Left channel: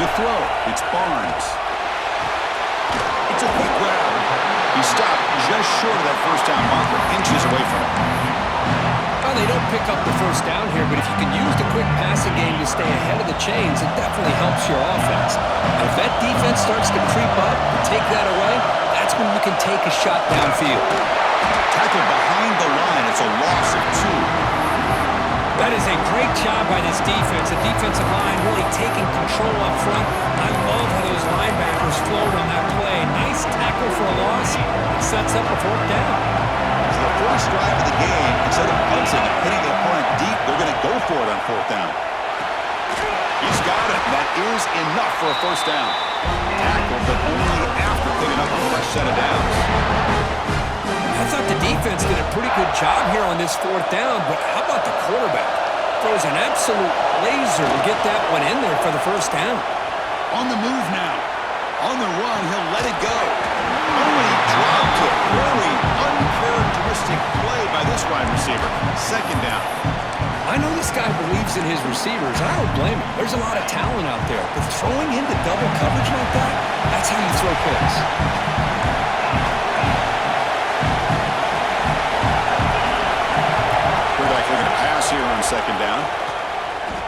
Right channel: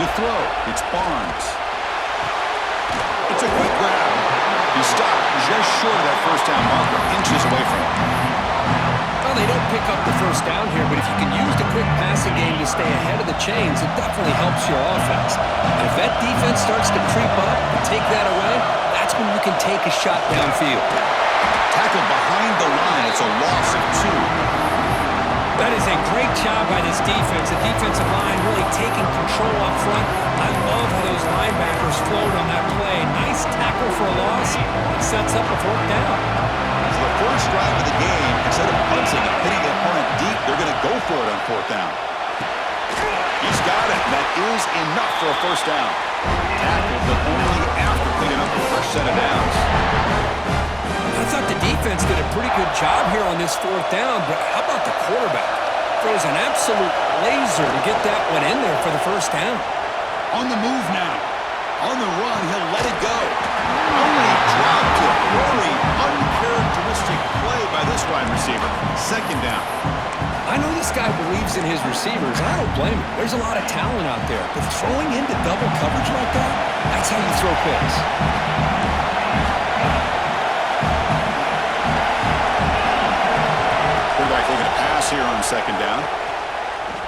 To throw, it's Barnes. It's a quick grab. He stopped just short of that first down marker, inches away from it. Well, they don't pick up the first down here, but if you can use the quick passing game to stay ahead of the chains, it definitely helps your offense. And if that defense starts to creep up and take that away, that's when you can take a shot downfield. Tackle behind the line. It's a loss of 2. That is a great job by this defense. The defensive line really taking control up front. I love how those linebackers flowed on that play. Nice tackle for a loss. It sets up a 4th down. So the first drive of the game, instead of punting and hitting the opponent deep, they're going to go for it on 4th down. He's got it. That is enough for a first down. Tackled, but only after picking up a fresh set of downs. I thought the defense did a pretty good job here on this 4th down, but how about the quarterback? Throws an absolute laser to get that one in there for the first down. On the move now. On the run, he'll let it go. Oh, and he dropped it. Very uncharacteristic play by this wide receiver. 2nd down. I know this guy believes in his receivers, and I don't blame him. There's a lot of talent out there, but throwing into double coverage like that, that's how you throw picks. Quarterback looking to pass here on 2nd down.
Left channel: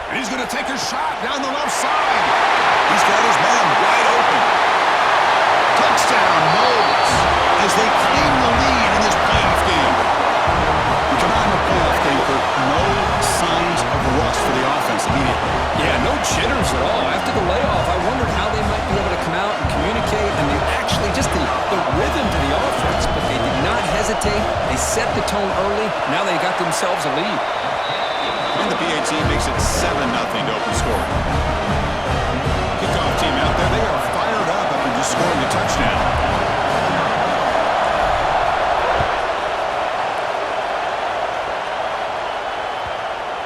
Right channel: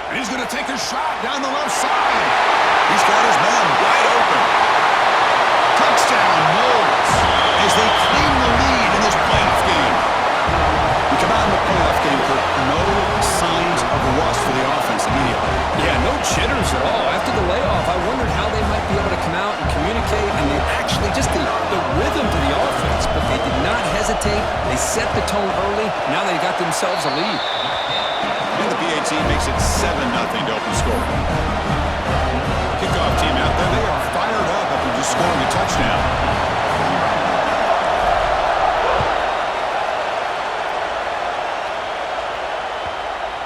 And he's going to take a shot down the left side. He's got his man wide open. Touchdown, Moles, as they claim the lead in this playoff game. We come out in the playoff game, Kirk. No signs of rust for the offense immediately. Yeah, no jitters at all. After the layoff, I wondered how they might be able to come out and communicate, and they actually just the rhythm to the offense, but they did not hesitate. They set the tone early. Now they got themselves a lead. And the PA team makes it 7-0 to open scoring. Kickoff team out there. They are fired up after just scoring a touchdown.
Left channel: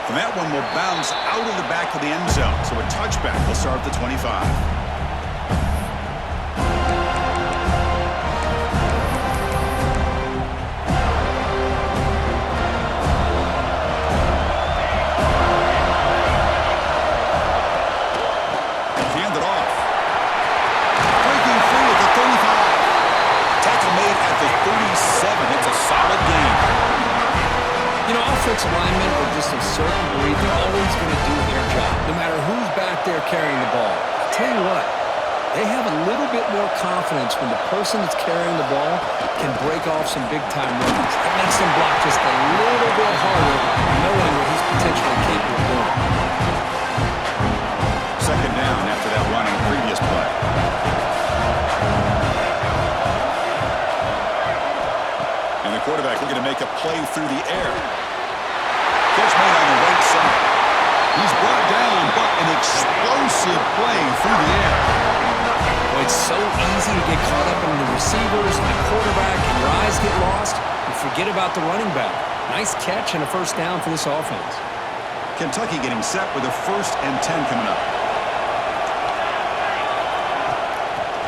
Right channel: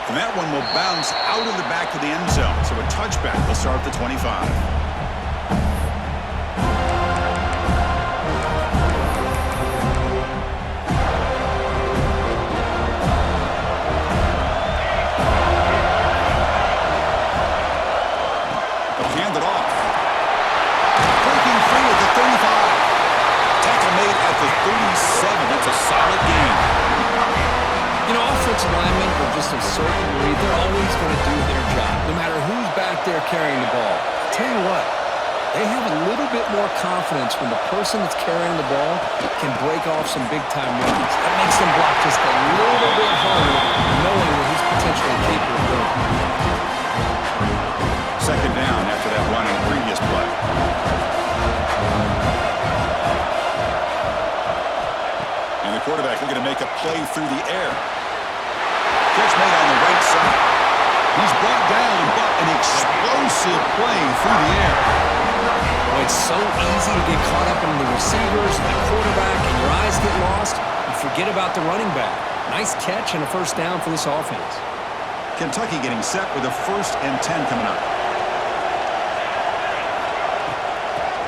And that one will bounce out of the back of the end zone. So a touchback. They'll start at the 25. They'll hand it off. Breaking free at the 35. Tackle made at the 37. It's a solid game. You know, offensive linemen are just a certain breed. They're always going to do their job, no matter who's back there carrying the ball. I'll tell you what, they have a little bit more confidence when the person that's carrying the ball can break off some big-time runs. That makes them block just a little bit harder, knowing what he's potentially capable of doing. 2nd down after that run on the previous play. And the quarterback looking to make a play through the air. Catch made on the right side. He's brought down, but an explosive play through the air. Well, it's so easy to get caught up in the receivers and the quarterback, and your eyes get lost. You forget about the running back. Nice catch and a first down for this offense. Kentucky getting set with a 1st and 10 coming up.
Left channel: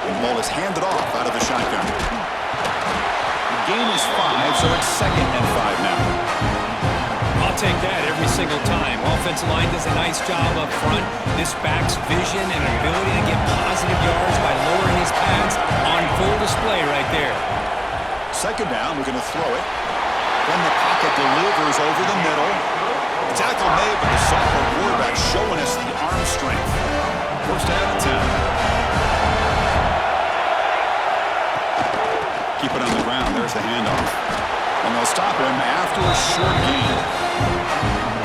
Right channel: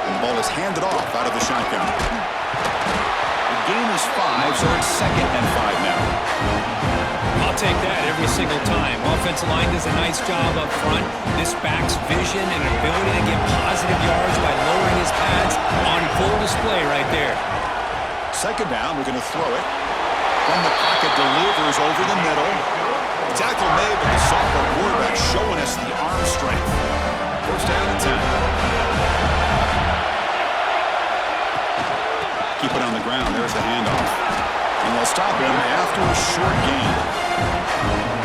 And the ball is handed off out of the shotgun. The game is 5, so it's 2nd and 5 now. I'll take that every single time. Offensive line does a nice job up front. This back's vision and ability to get positive yards by lowering his pads on full display right there. 2nd down, we're going to throw it. From the pocket, delivers over the middle. Tackle made, but the sophomore quarterback showing us the arm strength. 1st down and 10. Keep it on the ground. There's the handoff. And they'll stop him after a short gain.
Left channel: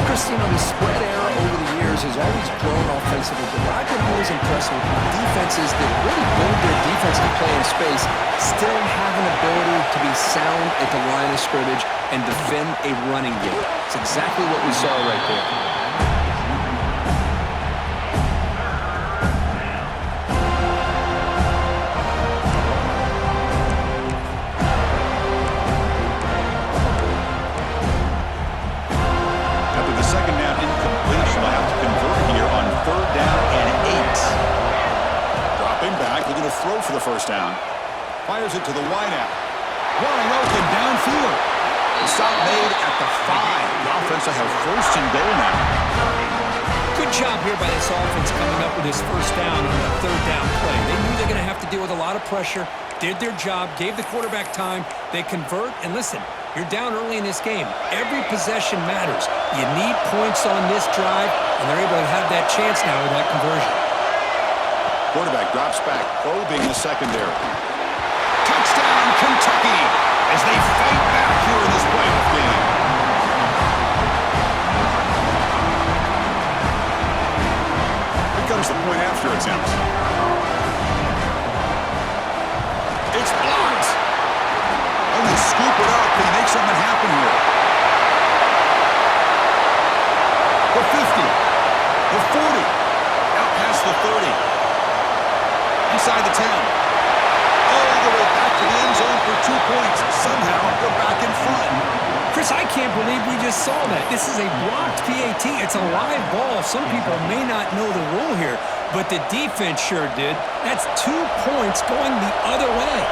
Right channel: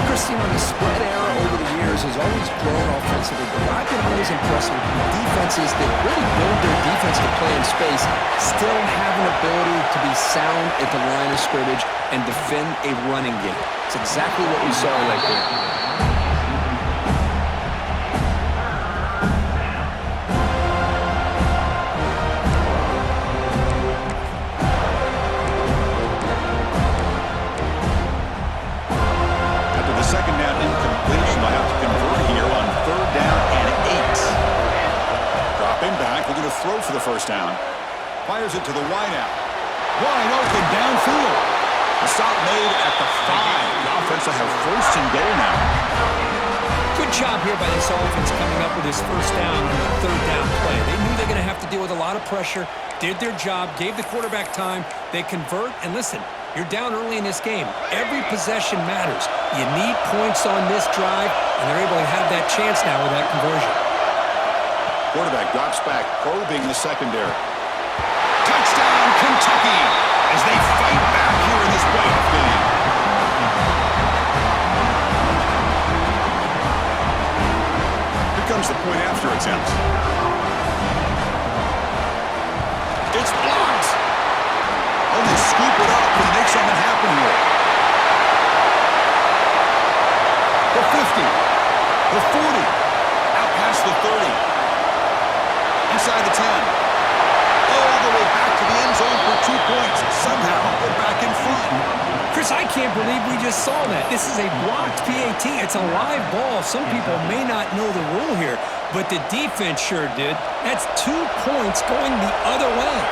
Chris, you know, the spread era over the years has always grown offensively, but I've been always impressed with defenses that really build their defense to play in space, still have an ability to be sound at the line of scrimmage and defend a running game. It's exactly what we saw right there. Second down incompletion. They'll have to convert here on 3rd down and 8. Dropping back, looking to throw for the first down. Fires it to the wideout. Wide open downfield. The stop made at the 5. The offense will have 1st and goal now. Good job here by this offense coming up with this first down on the third down play. They knew they're going to have to deal with a lot of pressure, did their job, gave the quarterback time. They convert, and listen, you're down early in this game. Every possession matters. You need points on this drive, and they're able to have that chance now with that conversion. Quarterback drops back, probing the secondary. Touchdown, Kentucky, as they fight back here in this playoff game. Here comes the point after attempt. It's blocked. Oh, they scoop it up. Can he make something happen here? The 50. The 40. Out past the 30. Inside the 10. All the way back to the end zone for 2 points. Somehow, they're back in front. Chris, I can't believe we just saw that. This is a blocked PAT. It's a live ball. Some people may not know the rule here, but the defense sure did. That's 2 points going the other way.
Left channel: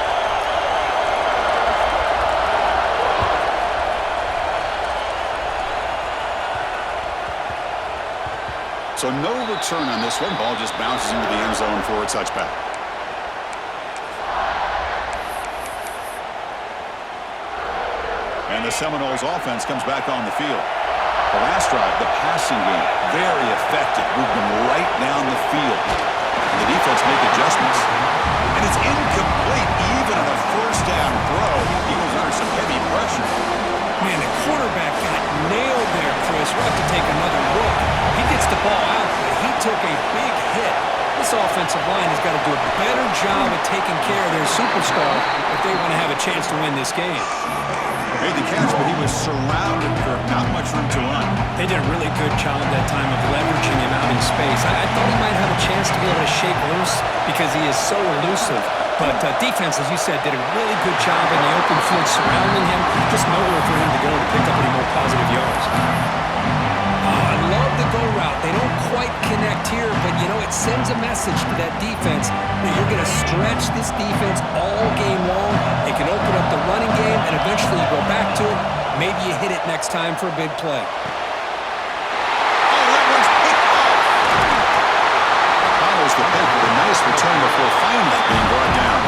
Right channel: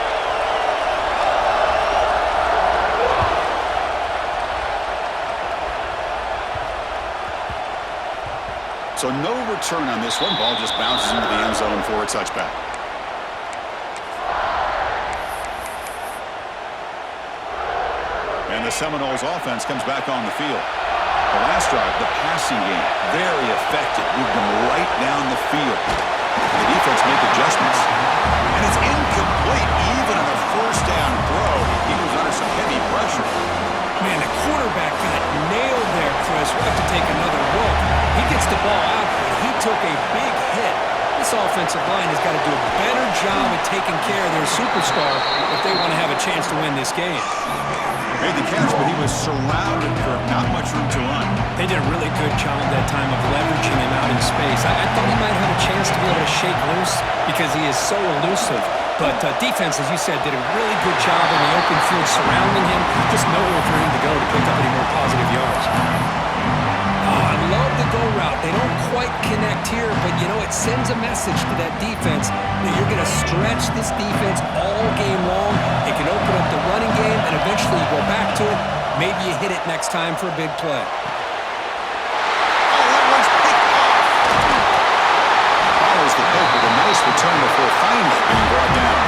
So no return on this one. Ball just bounces into the end zone for a touchback. And the Seminoles offense comes back on the field. The last drive, the passing game, very effective. Moved them right down the field. And the defense make adjustments. And it's incomplete even on a first down throw. He was under some heavy pressure. Man, the quarterback got nailed there, Chris. We'll have to take another look. He gets the ball out, but he took a big hit. This offensive line has got to do a better job at taking care of their superstar if they want to have a chance to win this game. Made the catch, but he was surrounded, Kirk. Not much room to run. They did a really good job that time of leveraging him out in space. I thought he might have a chance to be able to shake loose because he is so elusive. But defense, as you said, did a really good job in the open field surrounding him. Just nowhere for him to go to pick up any more positive yards. I love the go route. They don't quite connect here, but, you know, it sends a message to that defense that you're going to stretch this defense all game long. It can open up the running game, and eventually you go back to it. Maybe you hit it next time for a big play. Oh, that one's picked off. Follows the pick with a nice return before finally being brought down.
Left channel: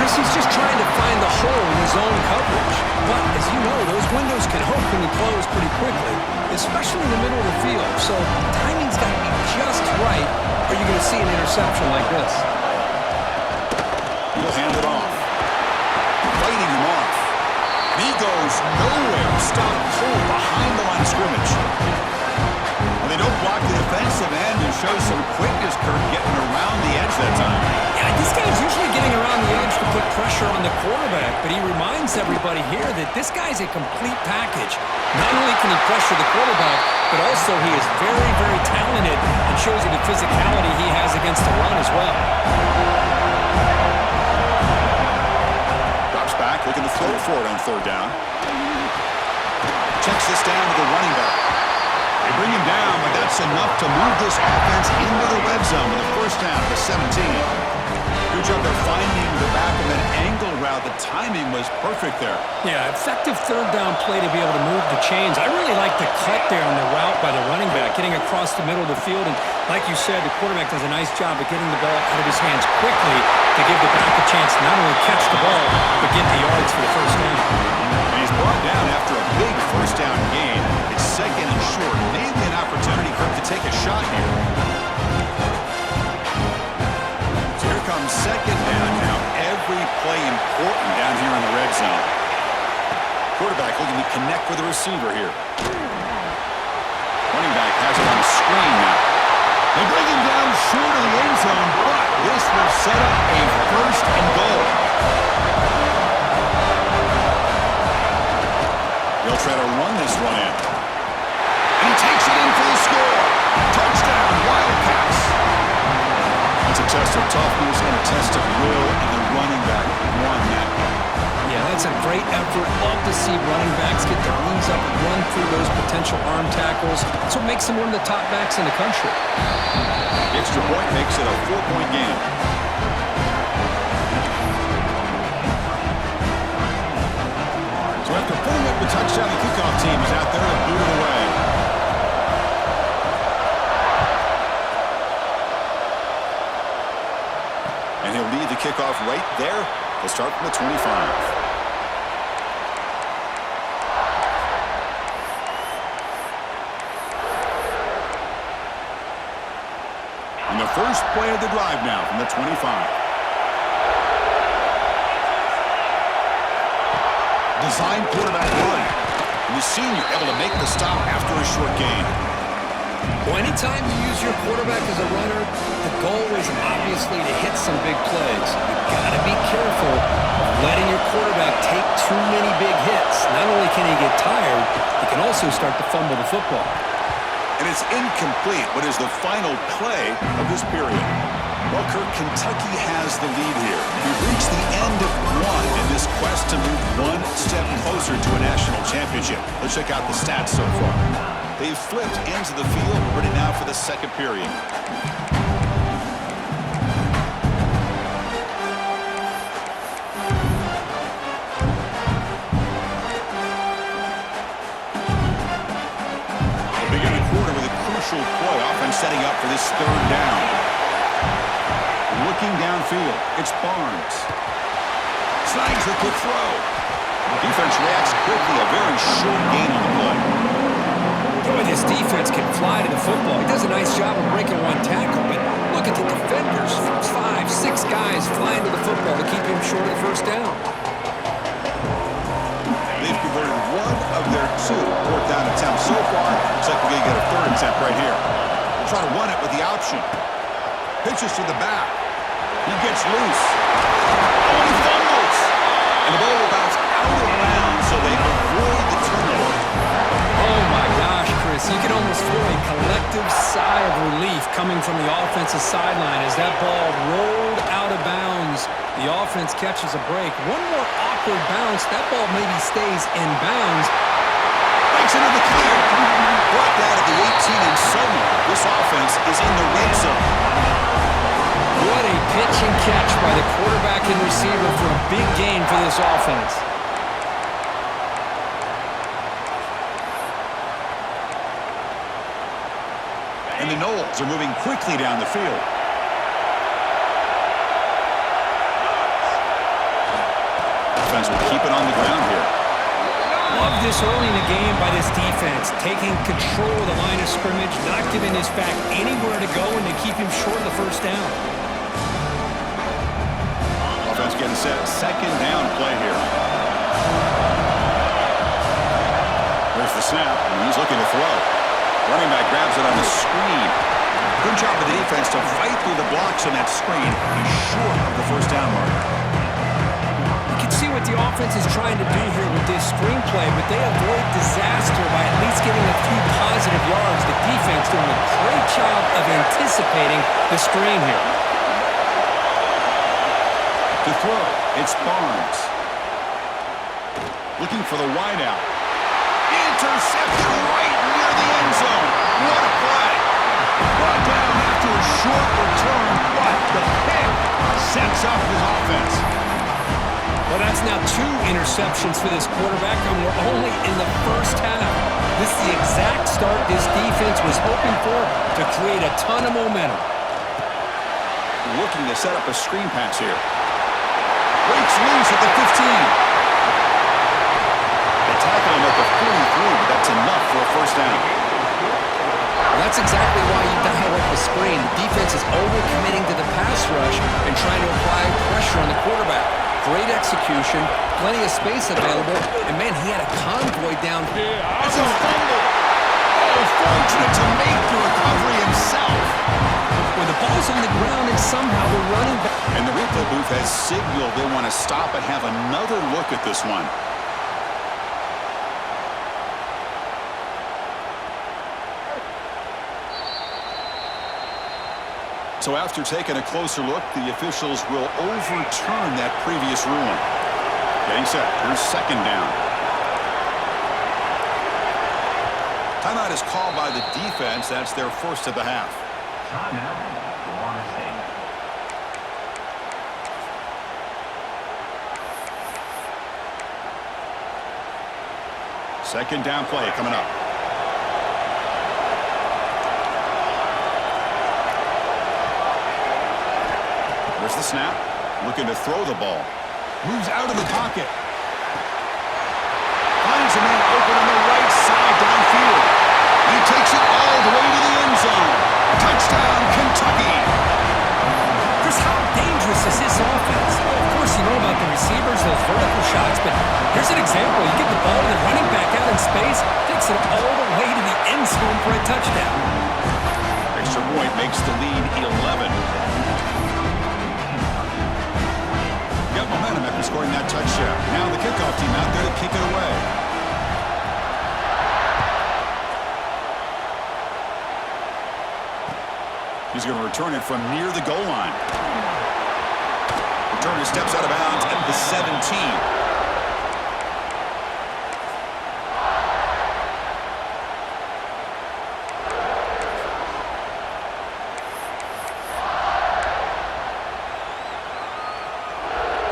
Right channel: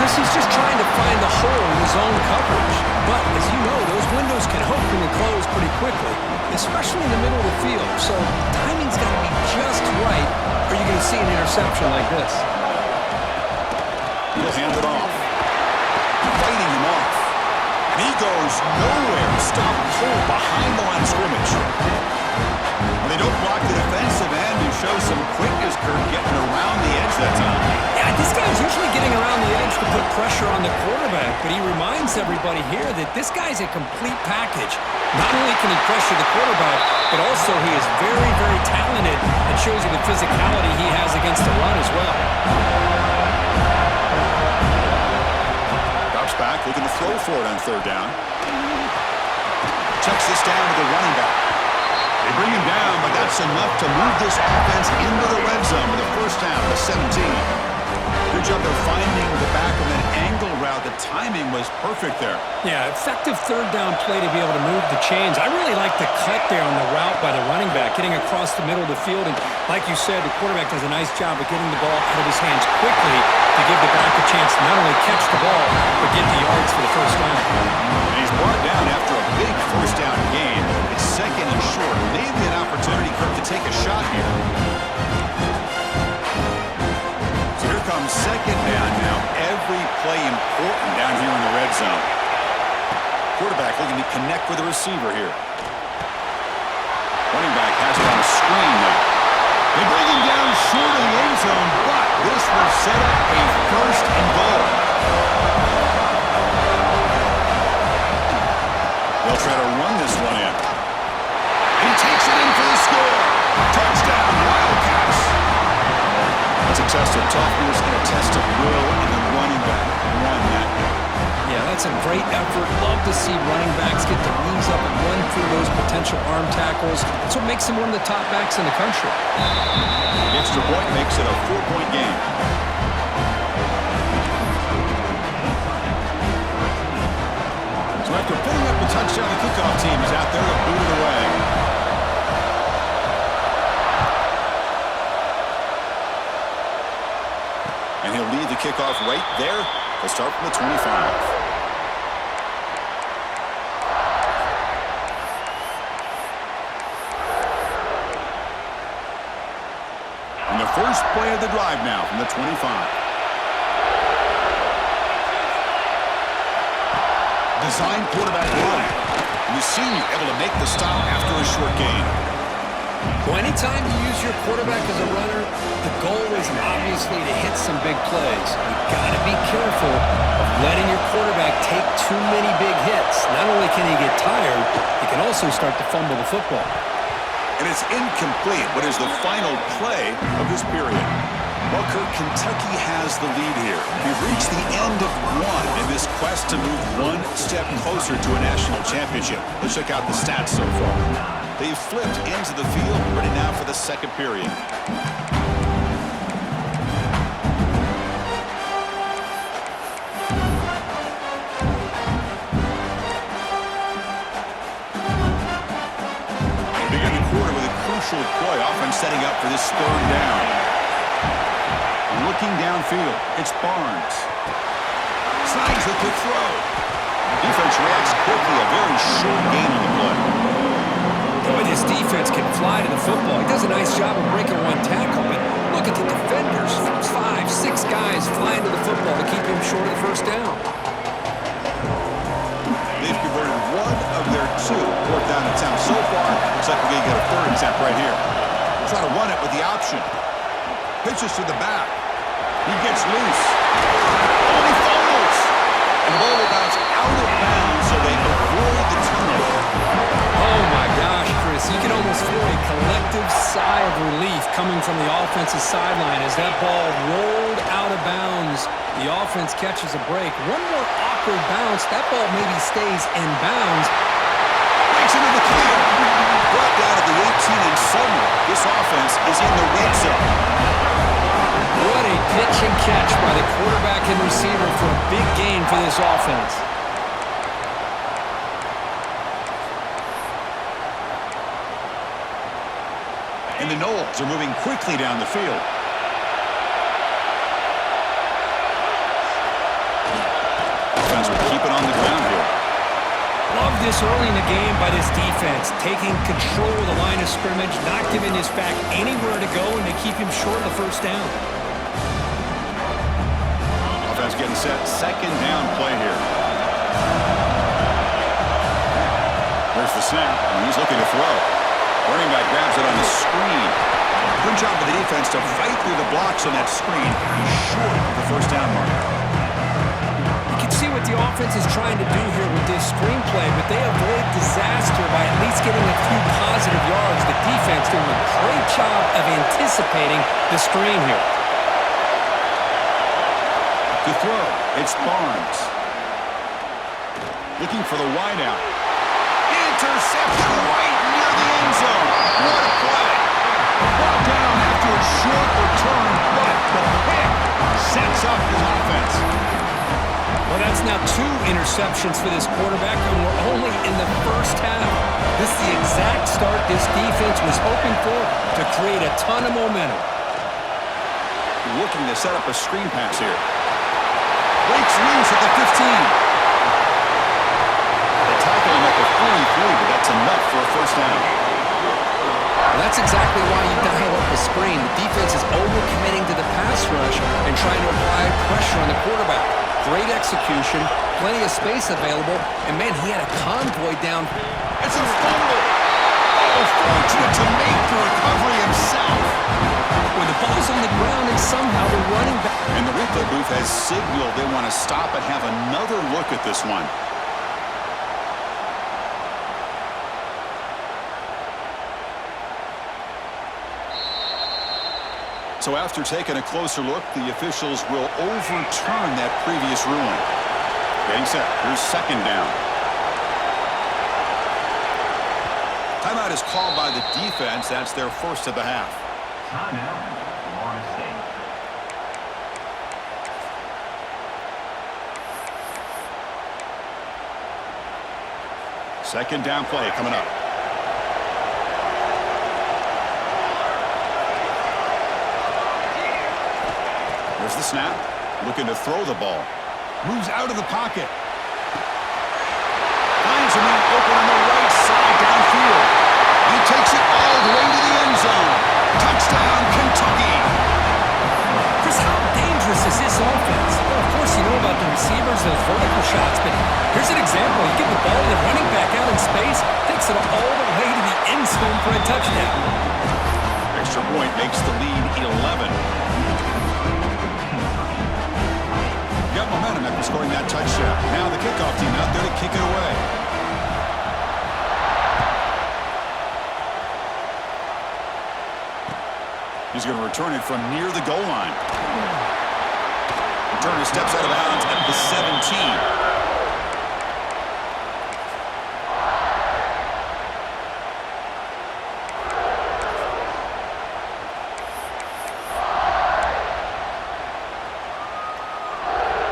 Chris, he's just trying to find the hole in his own coverage. But, as you know, those windows can open and close pretty quickly, especially in the middle of the field. So timing's got to be just right, or you're going to see an interception like this. He'll hand it off. Fighting him off. And he goes nowhere. Stop cold behind the line of scrimmage. Well, they don't block the defensive end and show some quickness, Kirk, getting around the edge that time. Yeah, this guy's usually getting around the edge to put pressure on the quarterback, but he reminds everybody here that this guy's a complete package. Not only can he pressure the quarterback, but also he is very, very talented and shows you the physicality he has against the run as well. Drops back, looking to throw for it on third down. Checks this down to the running back. They bring him down, but that's enough to move this offense into the red zone with a first down to 17. Good job there finding the back of an angle route. The timing was perfect there. Yeah, effective third down play to be able to move the chains. I really like the cut there on the route by the running back, getting across the middle of the field. And like you said, the quarterback does a nice job of getting the ball out of his hands quickly to give the back a chance to not only catch the ball, but get the yards for the first down. And he's brought down after a big first down gain. It's second and short. Maybe an opportunity, Kirk, to take a shot here. So here comes second down now. Every play important down here in the red zone. Quarterback looking to connect with the receiver here. Running back has it on the screen now. They bring him down short of the end zone, but this will set up a first and goal. They'll try to run this one in. And he takes it in for the score. Touchdown, Wildcats. That's a test of toughness and a test of will, and the running back won that game. Yeah, that's a great effort. Love to see running backs get their knees up and run through those potential arm tackles. That's what makes him one of the top backs in the country. The extra point makes it a 4-point game. So after putting up the touchdown, the kickoff team is out there to boot it away. And he'll lead the kickoff right there. They'll start from the 25. And the first play of the drive now from the 25. Design quarterback run. And the senior able to make the stop after a short gain. Well, anytime you use your quarterback as a runner, the goal is obviously to hit some big plays. You've got to be careful of letting your quarterback take too many big hits. Not only can he get tired, he can also start to fumble the football. And it's incomplete. What is the final play of this period? Well, Kirk, Kentucky has the lead here. We've reached the end of one in this quest to move one step closer to a national championship. Let's check out the stats so far. They've flipped ends of the field, ready now for the second period. They'll begin the quarter with a crucial play, offense setting up for this third down. Looking downfield, it's Barnes. Snags the quick throw. Defense reacts quickly, a very short gain on the play. Boy, this defense can fly to the football. He does a nice job of breaking one tackle, but look at the defenders. 5, 6 guys flying to the football to keep him short of the first down. They've converted one of their 2 fourth down attempts so far. Looks like we're going to get a third attempt right here. We'll try to run it with the option. Pitches to the back. He gets loose. Oh, and he fumbles. And the ball will bounce out of bounds, so they avoid the turnover. Oh, my gosh, Chris. You can almost feel a collective sigh of relief coming from the offensive sideline as that ball rolled out of bounds. The offense catches a break. One more awkward bounce. That ball maybe stays in bounds. Breaks into the clear. Brought down at the 18, and suddenly this offense is in the red zone. What a pitch and catch by the quarterback and receiver for a big gain for this offense. And the Noles are moving quickly down the field. Offense will keep it on the ground here. Love this early in the game by this defense, taking control of the line of scrimmage, not giving this back anywhere to go, and to keep him short of the first down. Offense getting set. Second down play here. There's the snap, and he's looking to throw. Running back grabs it on the screen. Good job of the defense to fight through the blocks on that screen. He's short of the first down marker. You can see what the offense is trying to do here with this screenplay, but they avoid disaster by at least getting a few positive yards. The defense doing a great job of anticipating the screen here. To throw, it's Barnes. Looking for the wideout. Intercepted right near the end zone. What a play. Brought down after a short return, but the pick sets up his offense. Well, that's now 2 interceptions for this quarterback, and we're only in the first half. This is the exact start this defense was hoping for to create a ton of momentum. Looking to set up a screen pass here. Breaks loose at the 15. They tackle him at the 43, but that's enough for a first down. Well, that's exactly why you dial up the screen. The defense is overcommitting to the pass rush and trying to apply pressure on the quarterback. Great execution, plenty of space available, and man, he had a convoy down. It's a fumble. Oh, fortunate to make the recovery himself. When the ball's on the ground and somehow the running back. And the replay booth has signaled they want to stop and have another look at this one. So after taking a closer look, the officials will overturn that previous ruling. Getting set. Here's second down. Timeout is called by the defense. That's their first of the half. Timeout, Florida State. Second down play coming up. There's the snap. Looking to throw the ball. Moves out of the pocket. Finds a man open on the right side downfield. And he takes it all the way to the end zone. Touchdown, Kentucky. Chris, how dangerous is this offense? Well, of course, you know about the receivers, those vertical shots, but here's an example. You give the ball to the running back out in space, takes it all the way to the end zone for a touchdown. Extra point makes the lead 11. Got momentum after scoring that touchdown. Now the kickoff team out there to kick it away. He's going to return it from near the goal line. Returner steps out of bounds at the 17.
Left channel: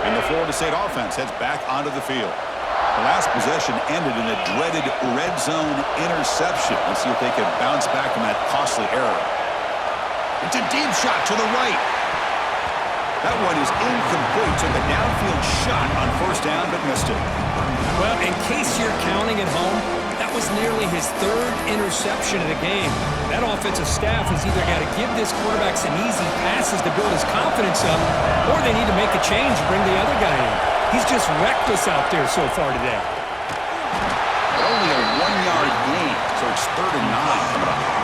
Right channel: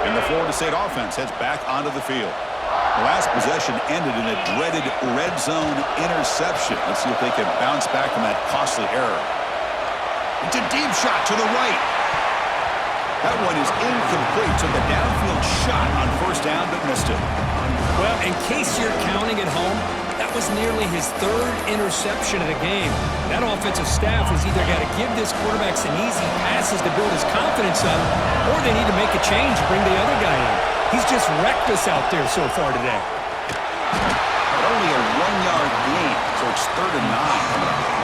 And the Florida State offense heads back onto the field. The last possession ended in a dreaded red zone interception. Let's see if they can bounce back from that costly error. It's a deep shot to the right. That one is incomplete. Took a downfield shot on first down, but missed it. Well, in case you're counting at home, that was nearly his third interception of the game. That offensive staff has either got to give this quarterback some easy passes to build his confidence up, or they need to make a change and bring the other guy in. He's just reckless out there so far today. But only a 1-yard gain, so it's 3rd and 9 coming up.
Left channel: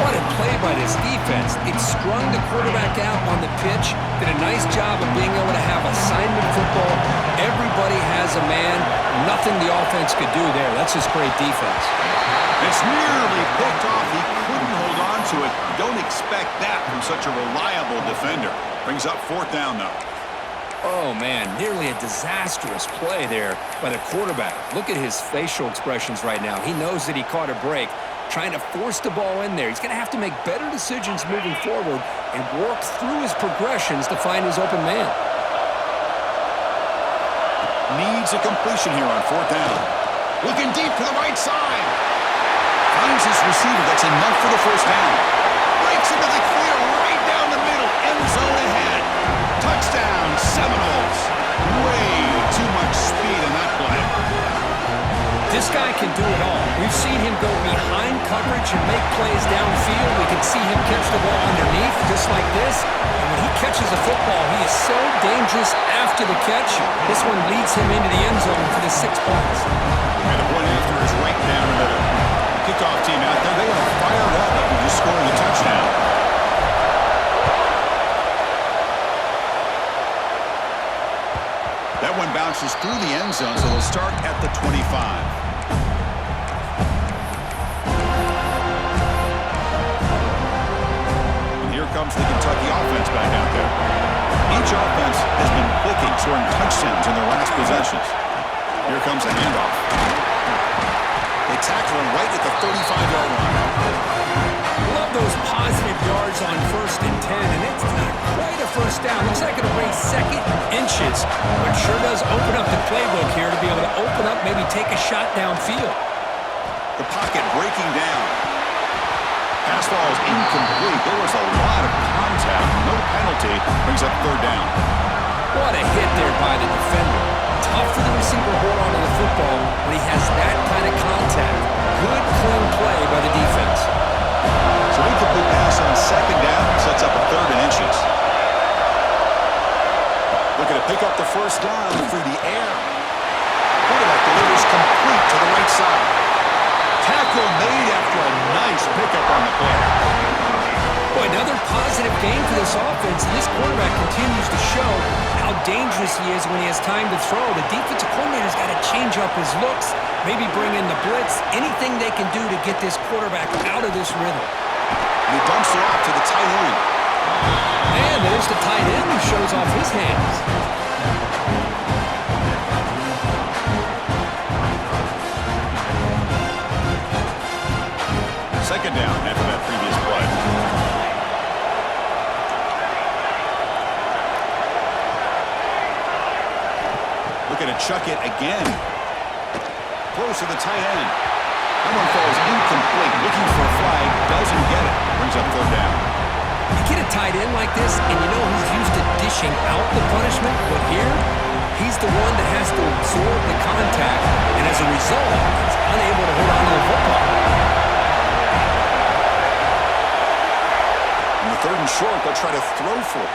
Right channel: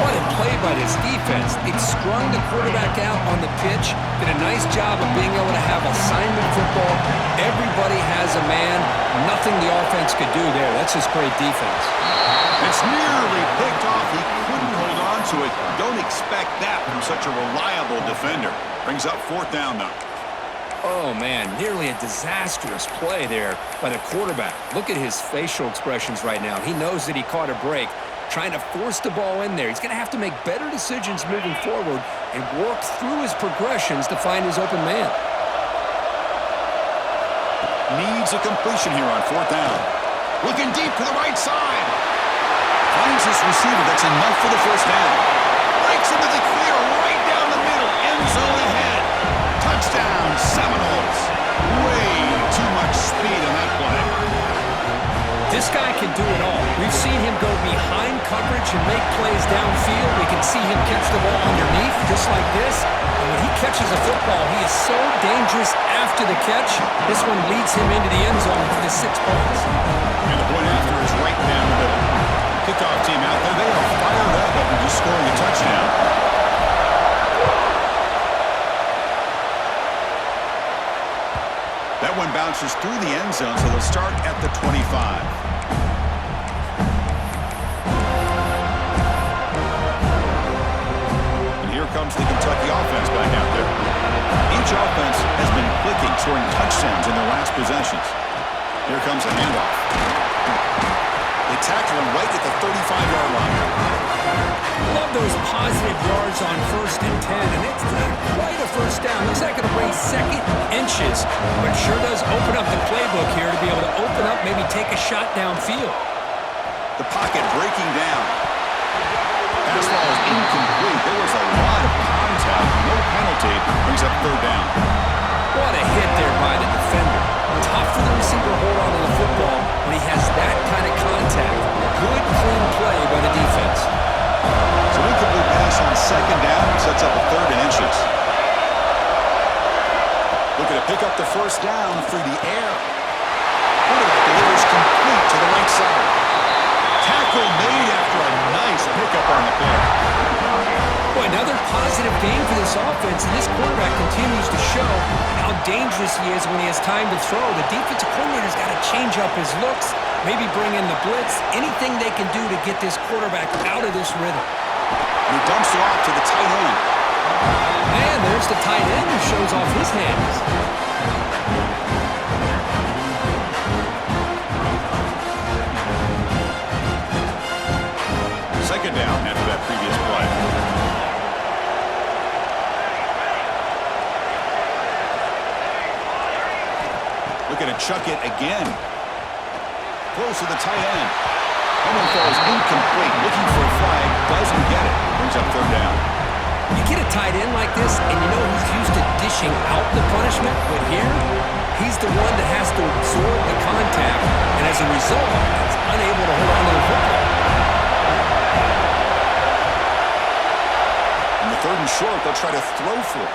What a play by this defense. It strung the quarterback out on the pitch, did a nice job of being able to have assignment football. Everybody has a man. Nothing the offense could do there. That's just great defense. It's nearly picked off. He couldn't hold on to it. Don't expect that from such a reliable defender. Brings up 4th down, though. Oh, man, nearly a disastrous play there by the quarterback. Look at his facial expressions right now. He knows that he caught a break, trying to force the ball in there. He's going to have to make better decisions moving forward and work through his progressions to find his open man. Needs a completion here on 4th down. Looking deep to the right side. Finds his receiver. That's enough for the first down. Breaks into the clear right down the middle. End zone ahead. Touchdown, Seminoles. Way too much speed on that play. This guy can do it all. We've seen him go behind coverage and make plays downfield. We can see him catch the ball underneath, just like this. And when he catches a football, he is so dangerous after the catch. This one leads him into the end zone for the 6 points. And the point after is right down the middle. Kickoff team out there, they are fired up after just scoring a touchdown. That one bounces through the end zone, so they'll start at the 25. And here comes the Kentucky offense back out there. Each offense has been clicking, scoring touchdowns in their last possessions. Here comes the handoff. They tackle him right at the 35-yard line. Love those positive yards on 1st and 10, and it's not quite a first down. Looks like it'll raise 2nd inches, but sure does open up the playbook here to be able to open up, maybe take a shot downfield. The pocket breaking down. Pass ball is incomplete. There was a lot of contact. No penalty. Brings up 3rd down. What a hit there by the defender. Tough for the receiver to hold on to the football when he has that kind of contact. Good, clean play by the defense. So incomplete pass on 2nd down sets up a 3rd and inches. Looking to pick up the first down through the air. Quarterback delivers complete to the right side. Tackle made after a nice pickup on the play. Boy, another positive game for this offense, and this quarterback continues to show how dangerous he is when he has time to throw. The defensive coordinator's got to change up his looks, maybe bring in the blitz, anything they can do to get this quarterback out of this rhythm. And he dumps it off to the tight end. And there's the tight end who shows off his hands. Second down after that previous play. Looking to chuck it again. Close to the tight end. That one falls incomplete. Looking for a flag. Doesn't get it. Brings up 3rd down. You get a tight end like this, and you know he's used to dishing out the punishment, but here, he's the one that has to absorb the contact, and as a result, he's unable to hold on to the football. On the 3rd and short, they'll try to throw for it.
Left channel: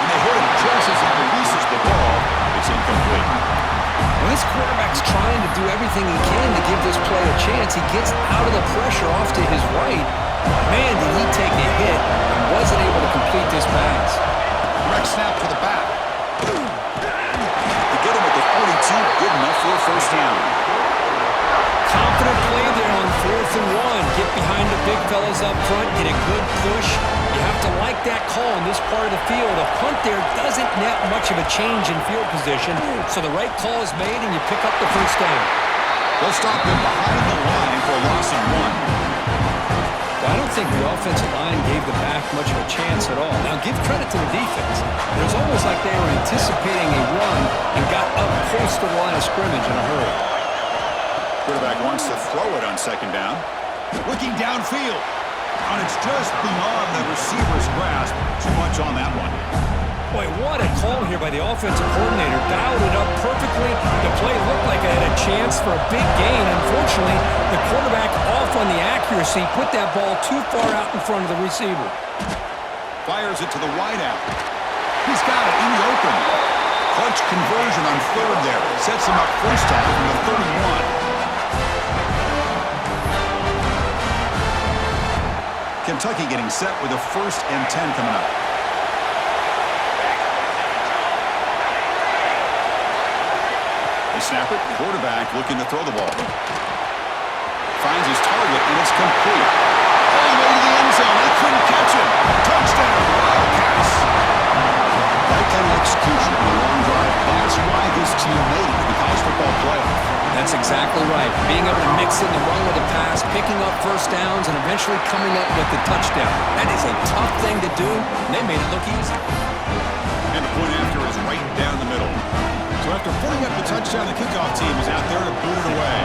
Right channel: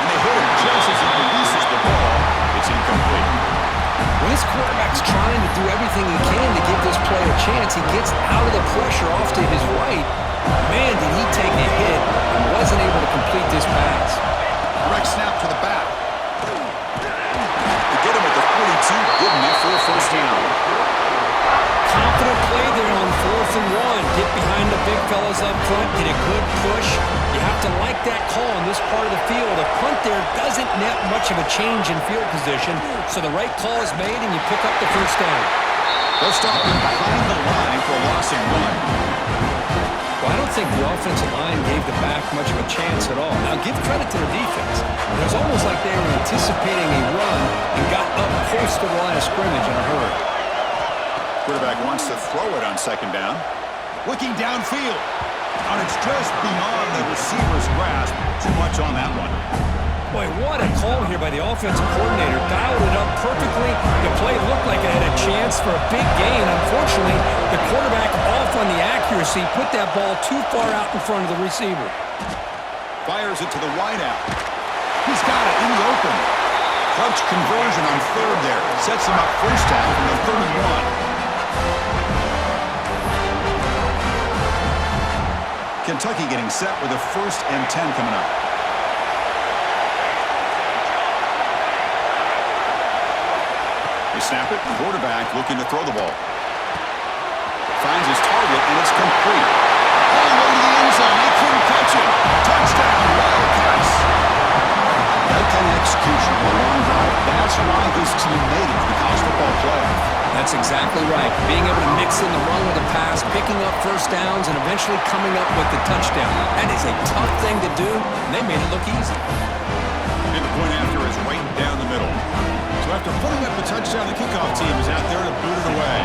And they hit him just as he releases the ball. It's incomplete. When this quarterback's trying to do everything he can to give this play a chance, he gets out of the pressure off to his right. Man, did he take a hit and wasn't able to complete this pass. Direct snap to the back. They get him at the 42, good enough for a first down. Confident play there on 4th and 1. Get behind the big fellas up front, get a good push. You have to like that call in this part of the field. A punt there doesn't net much of a change in field position, so the right call is made and you pick up the first down. They'll stop him behind the line for a loss of 1. Well, I don't think the offensive line gave the back much of a chance at all. Now, give credit to the defense. It was almost like they were anticipating a run and got up close to the line of scrimmage in a hurry. Quarterback wants to throw it on 2nd down. Looking downfield. And it's just beyond the receiver's grasp. Too much on that one. Boy, what a call here by the offensive coordinator. Dialed it up perfectly. The play looked like it had a chance for a big gain. Unfortunately, the quarterback off on the accuracy, put that ball too far out in front of the receiver. Fires it to the wideout. He's got it in the open. Clutch conversion on 3rd there. Sets him up first down from the 31. Kentucky getting set with a 1st and 10 coming up. They snap it. Quarterback looking to throw the ball. Finds his target, and it's complete. All the way to the end zone. They couldn't catch it. Touchdown, Wildcats. That kind of execution on a long drive, that's why this team made it to the college football playoff. That's exactly right. Being able to mix in the run with the pass, picking up first downs, and eventually coming up with the touchdown. That is a tough thing to do, and they made it look easy. And the point after is right down the middle. So after putting up the touchdown, the kickoff team is out there to boot it away.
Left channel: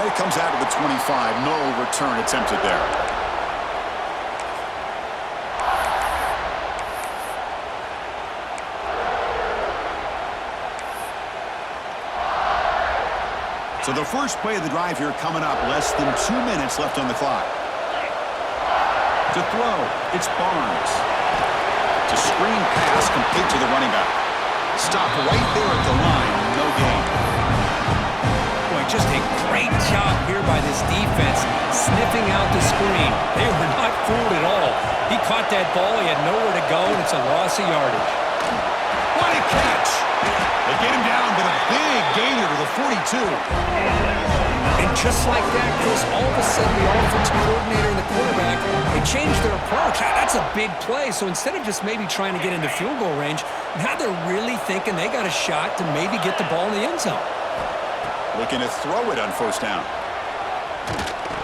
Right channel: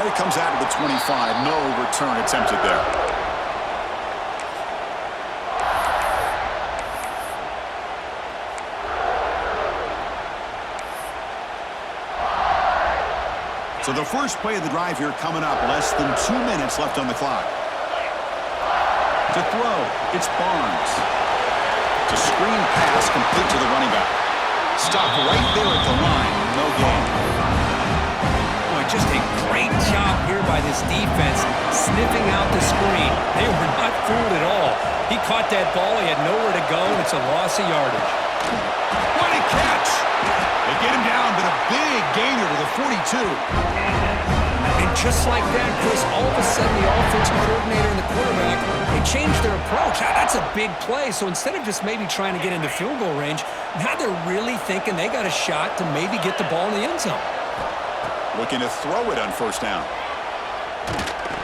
And it comes out to the 25. No return attempted there. So the first play of the drive here coming up. Less than 2 minutes left on the clock. To throw, it's Barnes. It's a screen pass complete to the running back. Stop right there at the line. No gain. Boy, just a great job here by this defense, sniffing out the screen. They were not fooled at all. He caught that ball. He had nowhere to go, and it's a loss of yardage. What a catch! They get him down, but a big gainer to the 42. And just like that, Chris, all of a sudden the offensive coordinator and the quarterback, they changed their approach. That's a big play. So instead of just maybe trying to get into field goal range, now they're really thinking they got a shot to maybe get the ball in the end zone. Looking to throw it on 1st down.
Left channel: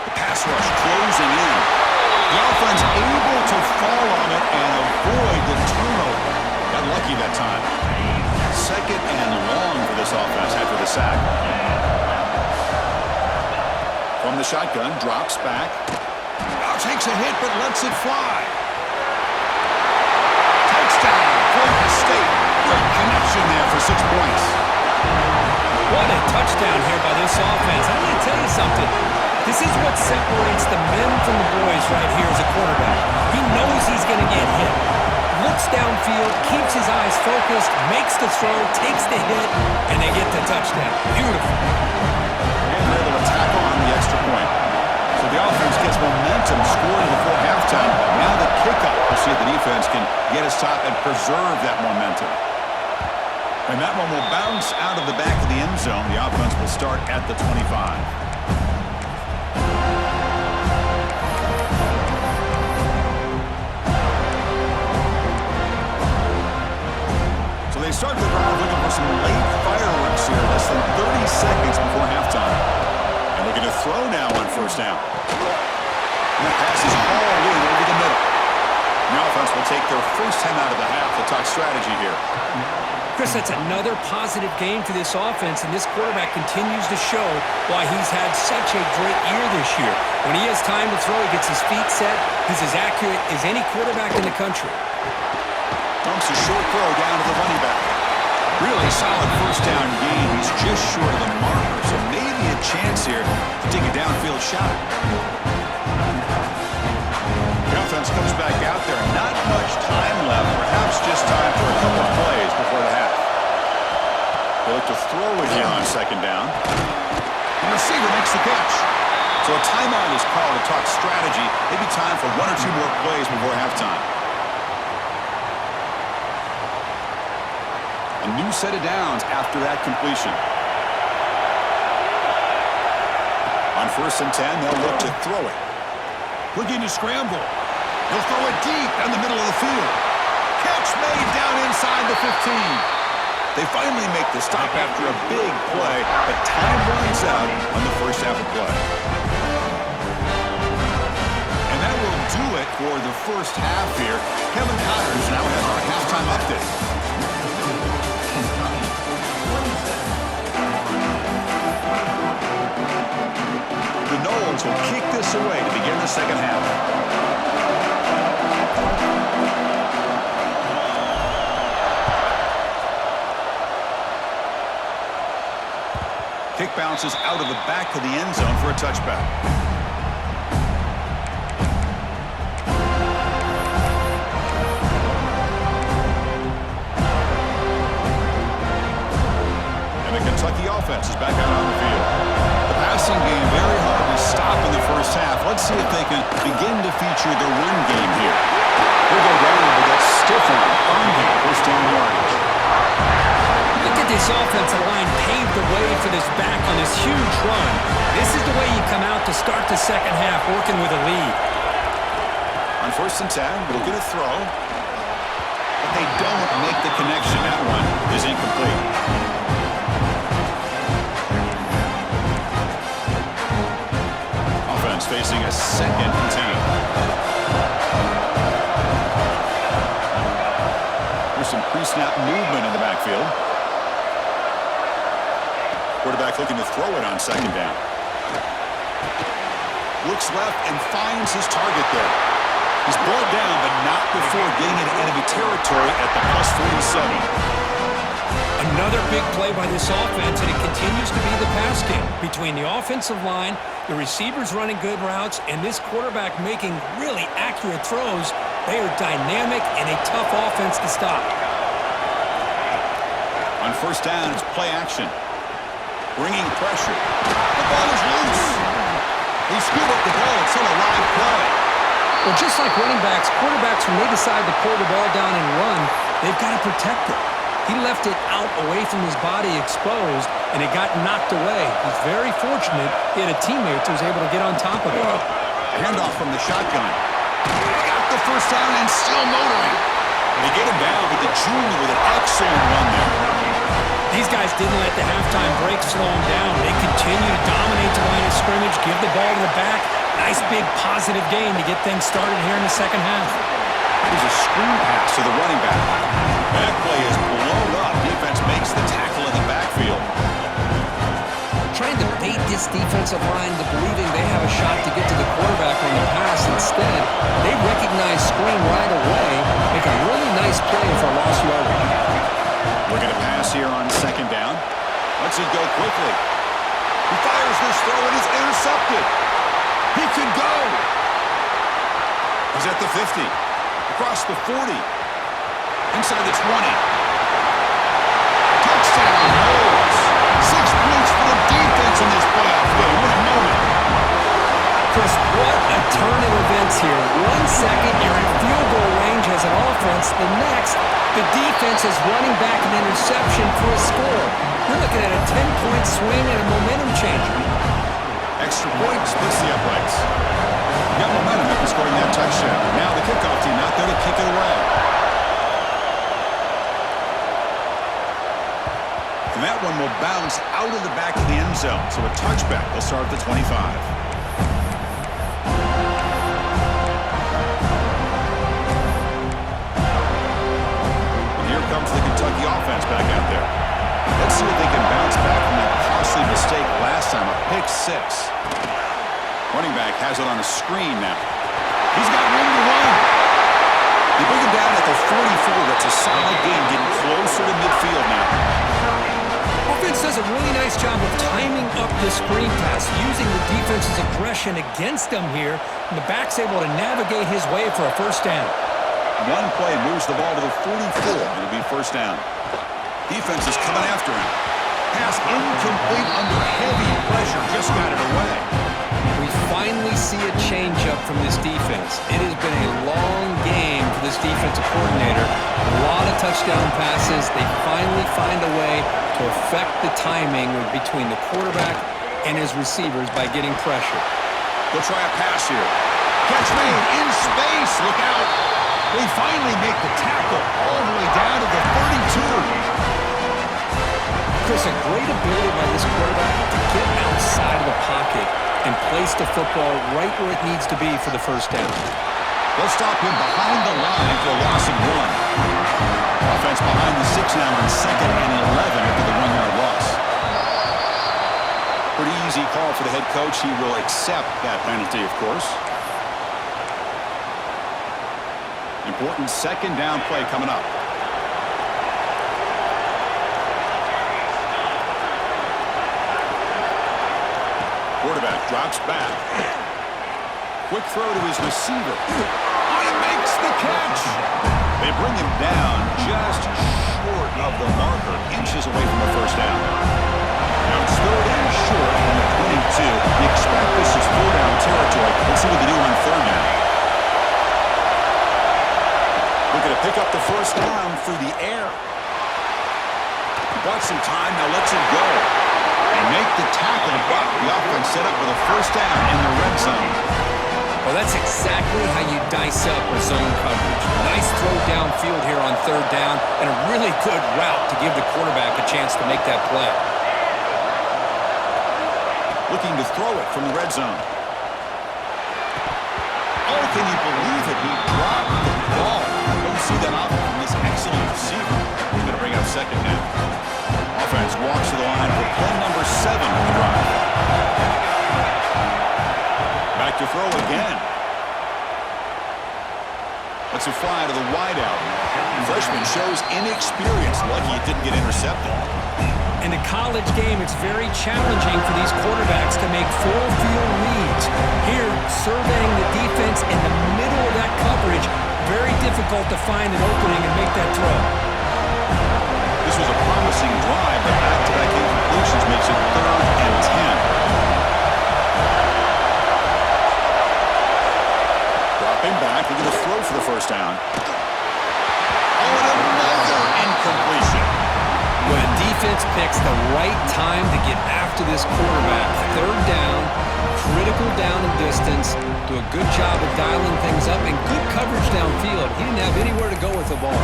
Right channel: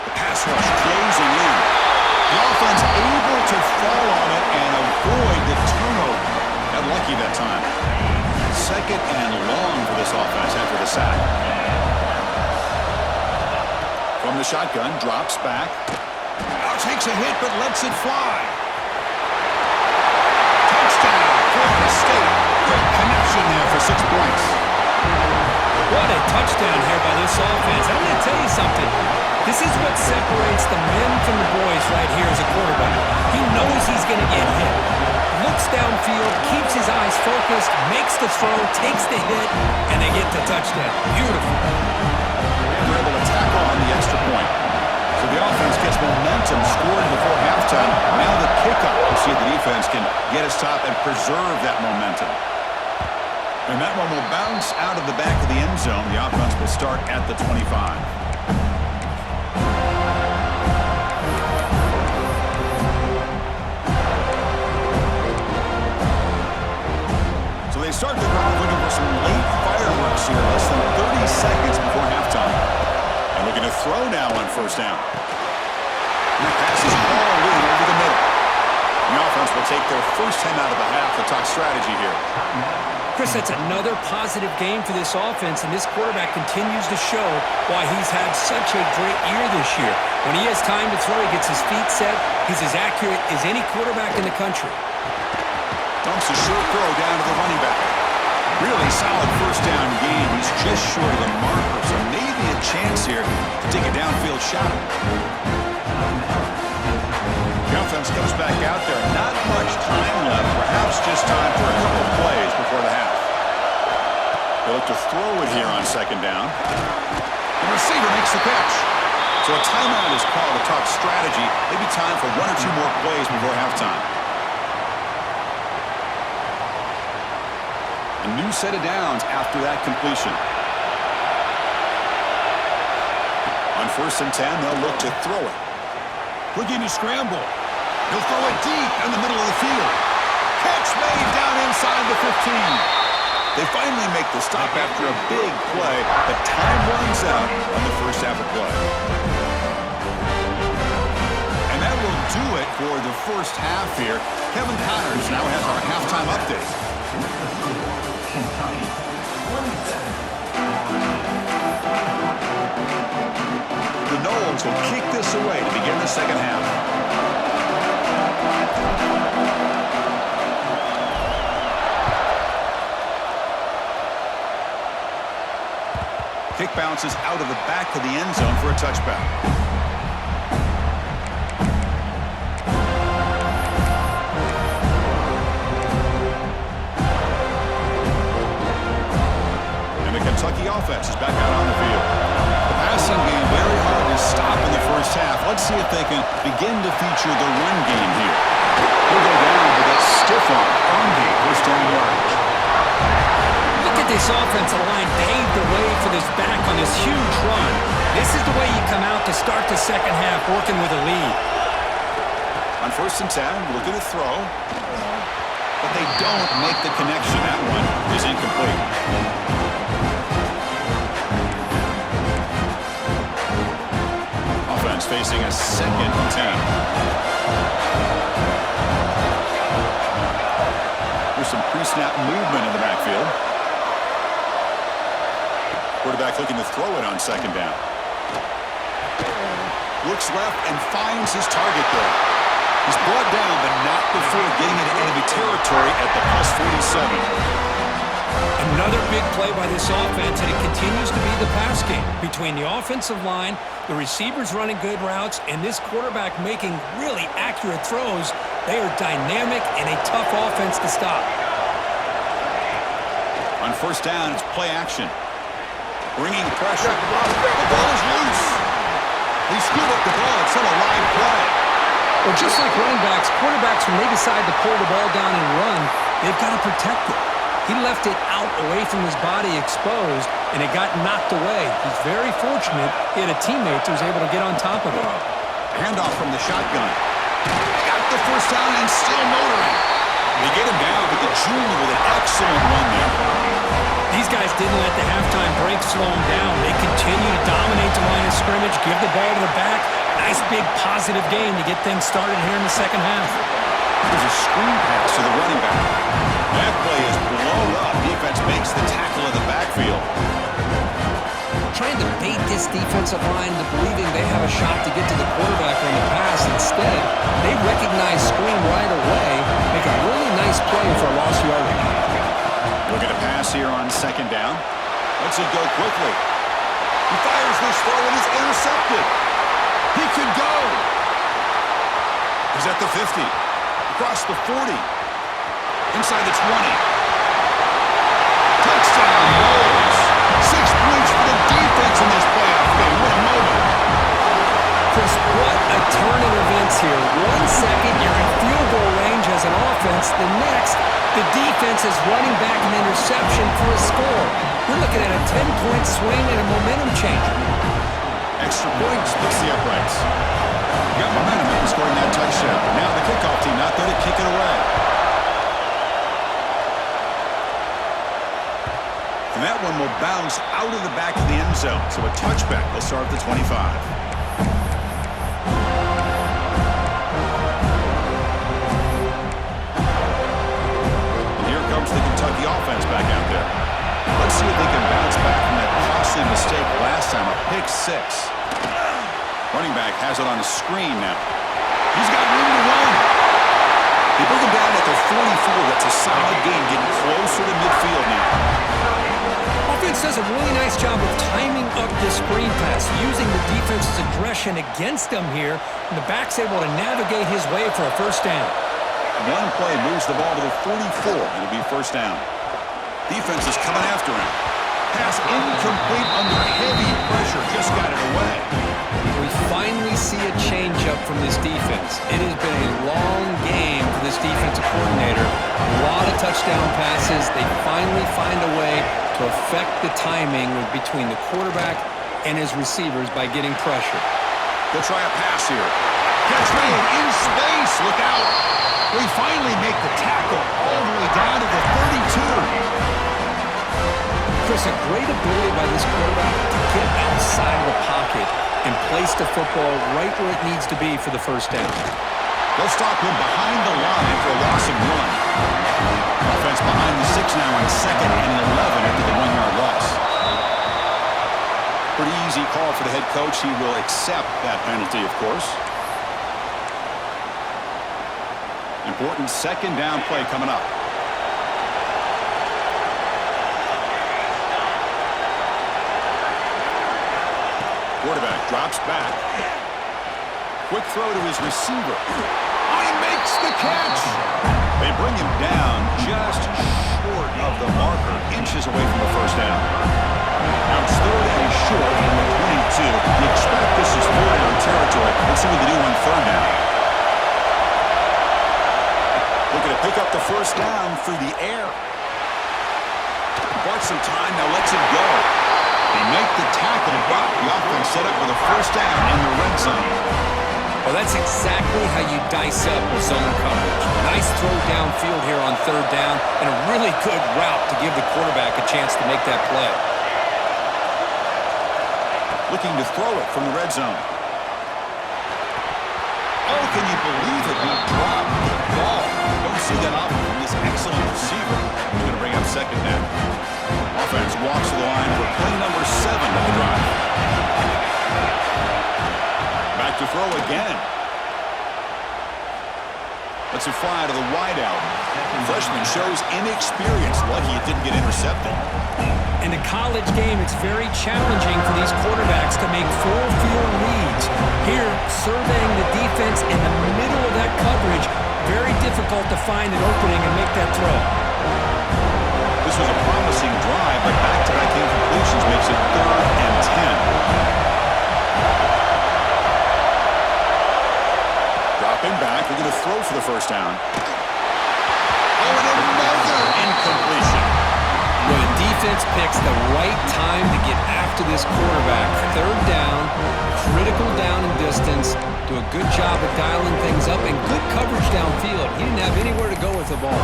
The pass rush closing in. The offense able to fall on it and avoid the turnover. Got lucky that time. 2nd and long for this offense after the sack. From the shotgun, drops back. Now takes a hit, but lets it fly. Touchdown, Florida State. Great connection there for 6 points. What a touchdown here by this offense. I'm going to tell you something. This is what separates the men from the boys right here as a quarterback. He knows he's going to get hit. Looks downfield, keeps his eyes focused, makes the throw, takes the hit, and they get the touchdown. Beautiful. And they're able to tack on the extra point. So the offense gets momentum scoring before halftime. Now the kickoff. We'll see if the defense can get a stop and preserve that momentum. And that one will bounce out of the back of the end zone. The offense will start at the 25. They start the drive looking for some late fireworks here. Less than 30 seconds before halftime. And looking to throw now on 1st down. And that pass is hauled in over the middle. The offense will take their first time out of the half to talk strategy here. Chris, that's another positive game for this offense, and this quarterback continues to show why he's had such a great year this year. When he has time to throw, he gets his feet set. He's as accurate as any quarterback in the country. Dumps a short throw down to the running back. Really solid first down game. He's just short of the marker, so maybe a chance here to take a downfield shot. The offense comes back out there. Not much time left. Perhaps just time for a couple of plays before the half. They look to throw it here on second down. The receiver makes the catch. So a timeout is called to talk strategy. Maybe time for one or two more plays before halftime. A new set of downs after that completion. On 1st and 10, they'll look to throw it. Looking to scramble. He'll throw it deep down the middle of the field. Catch made down inside the 15. They finally make the stop after a big play, but time runs out on the first half of play. And that will do it for the first half here. Kevin Connors now has our halftime update. The Noles will kick this away to begin the second half. Kick bounces out of the back of the end zone for a touchback. And the Kentucky offense is back out on the field. The passing game very hard to stop in the first half. Let's see if they can begin to feature the run game here. He'll go down with that stiff arm game, first down yardage. Look at this offensive line paved the way for this back on this huge run. This is the way you come out to start the second half, working with a lead. On 1st and 10, looking to throw. But they don't make the connection. That one is incomplete. Offense facing a 2nd and 10. Here's some pre-snap movement in the backfield. Quarterback looking to throw it on second down. Looks left and finds his target there. He's brought down, but not before getting into enemy territory at the +47. Another big play by this offense, and it continues to be the pass game. Between the offensive line, the receivers running good routes, and this quarterback making really accurate throws, they are dynamic and a tough offense to stop. On 1st down, it's play action. Bringing pressure. The ball is loose. They scoop up the ball. It's still a live play. Well, just like running backs, quarterbacks, when they decide to pull the ball down and run, they've got to protect it. He left it out away from his body exposed, and it got knocked away. He's very fortunate he had a teammate who was able to get on top of it. Handoff from the shotgun. Got the first down and still motoring. They get him down, but the junior with an excellent run there. These guys didn't let the halftime break slow them down. They continue to dominate the line of scrimmage, give the ball to the back. Nice big positive gain to get things started here in the second half. There's a screen pass to the running back. That play is blown up. Defense makes the tackle in the backfield. Trying to bait this defensive line to believing they have a shot to get to the quarterback on the pass. Instead, they recognize screen right away, make a really nice play for a lost yardage. Looking to pass here on second down. Lets it go quickly. He fires this throw and it's intercepted. He could go. He's at the 50. Across the 40. Inside the 20. Touchdown, Noles. 6 points for the defense in this playoff game. What a moment. Chris, what a turn of events here. 1 second, you're in field goal range as an offense. The next, the defense is running back an interception for a score. You're looking at a 10-point swing and a momentum changer. Extra point splits the uprights. You got momentum after scoring that touchdown. Now the kickoff team out there to kick it away. And that one will bounce out of the back of the end zone. So a touchback will start at the 25. for the Kentucky offense back out there. Let's see if they can bounce back from that costly mistake last time, a pick six. Running back has it on a screen now. He's got room to run. They bring him down at the 44. That's a solid gain, getting closer to midfield now. Offense does a really nice job of timing up this screen pass, using the defense's aggression against them here, and the back's able to navigate his way for a first down. One play moves the ball to the 44. It'll be first down. Defense is coming after him. Pass incomplete under heavy pressure. Just got it away. We finally see a changeup from this defense. It has been a long game for this defensive coordinator. A lot of touchdown passes. They finally find a way to affect the timing between the quarterback and his receivers by getting pressure. They'll try a pass here. Catch made in space. Look out. They finally make the tackle all the way down to the 32. Chris, a great ability by this quarterback to get outside of the pocket and place the football right where it needs to be for the first down. They'll stop him behind the line for a loss of 1. Offense behind the 6 now on 2nd and 11 after the 1-yard loss. Pretty easy call for the head coach. He will accept that penalty, of course. Important second down play coming up. Quarterback drops back. Quick throw to his receiver. Oh, he makes the catch. They bring him down just short of the marker, inches away from the first down. Now it's 3rd and short from the 22. You expect this is 4-down territory. Let's see what they do on 3rd down. Looking to pick up the first down through the air. Bought some time, now lets it go. They make the tackle, but the offense set up with a first down in the red zone. Well, that's exactly how you dice up a zone coverage. Nice throw downfield here on 3rd down, and a really good route to give the quarterback a chance to make that play. Looking to throw it from the red zone. Oh, can you believe it? He dropped the ball. Don't see that often from this excellent receiver. He's going to bring up 2nd now. Offense walks to the line for play number 7 of the drive. Back to throw again. Lets it fly to the wideout. Freshman shows inexperience. Lucky it didn't get intercepted. In the college game, it's very challenging for these quarterbacks to make full field reads. Here, surveying the defense in the middle of that coverage, very difficult to find an opening and make that throw. This was a promising drive, but back-to-back incompletions makes it 3rd and 10. Dropping back, looking to throw for the first down. Oh, and another incompletion. Well, the defense picks the right time to get after this quarterback. 3rd down, critical down and distance. Do a good job of dialing things up and good coverage downfield. He didn't have anywhere to go with the ball.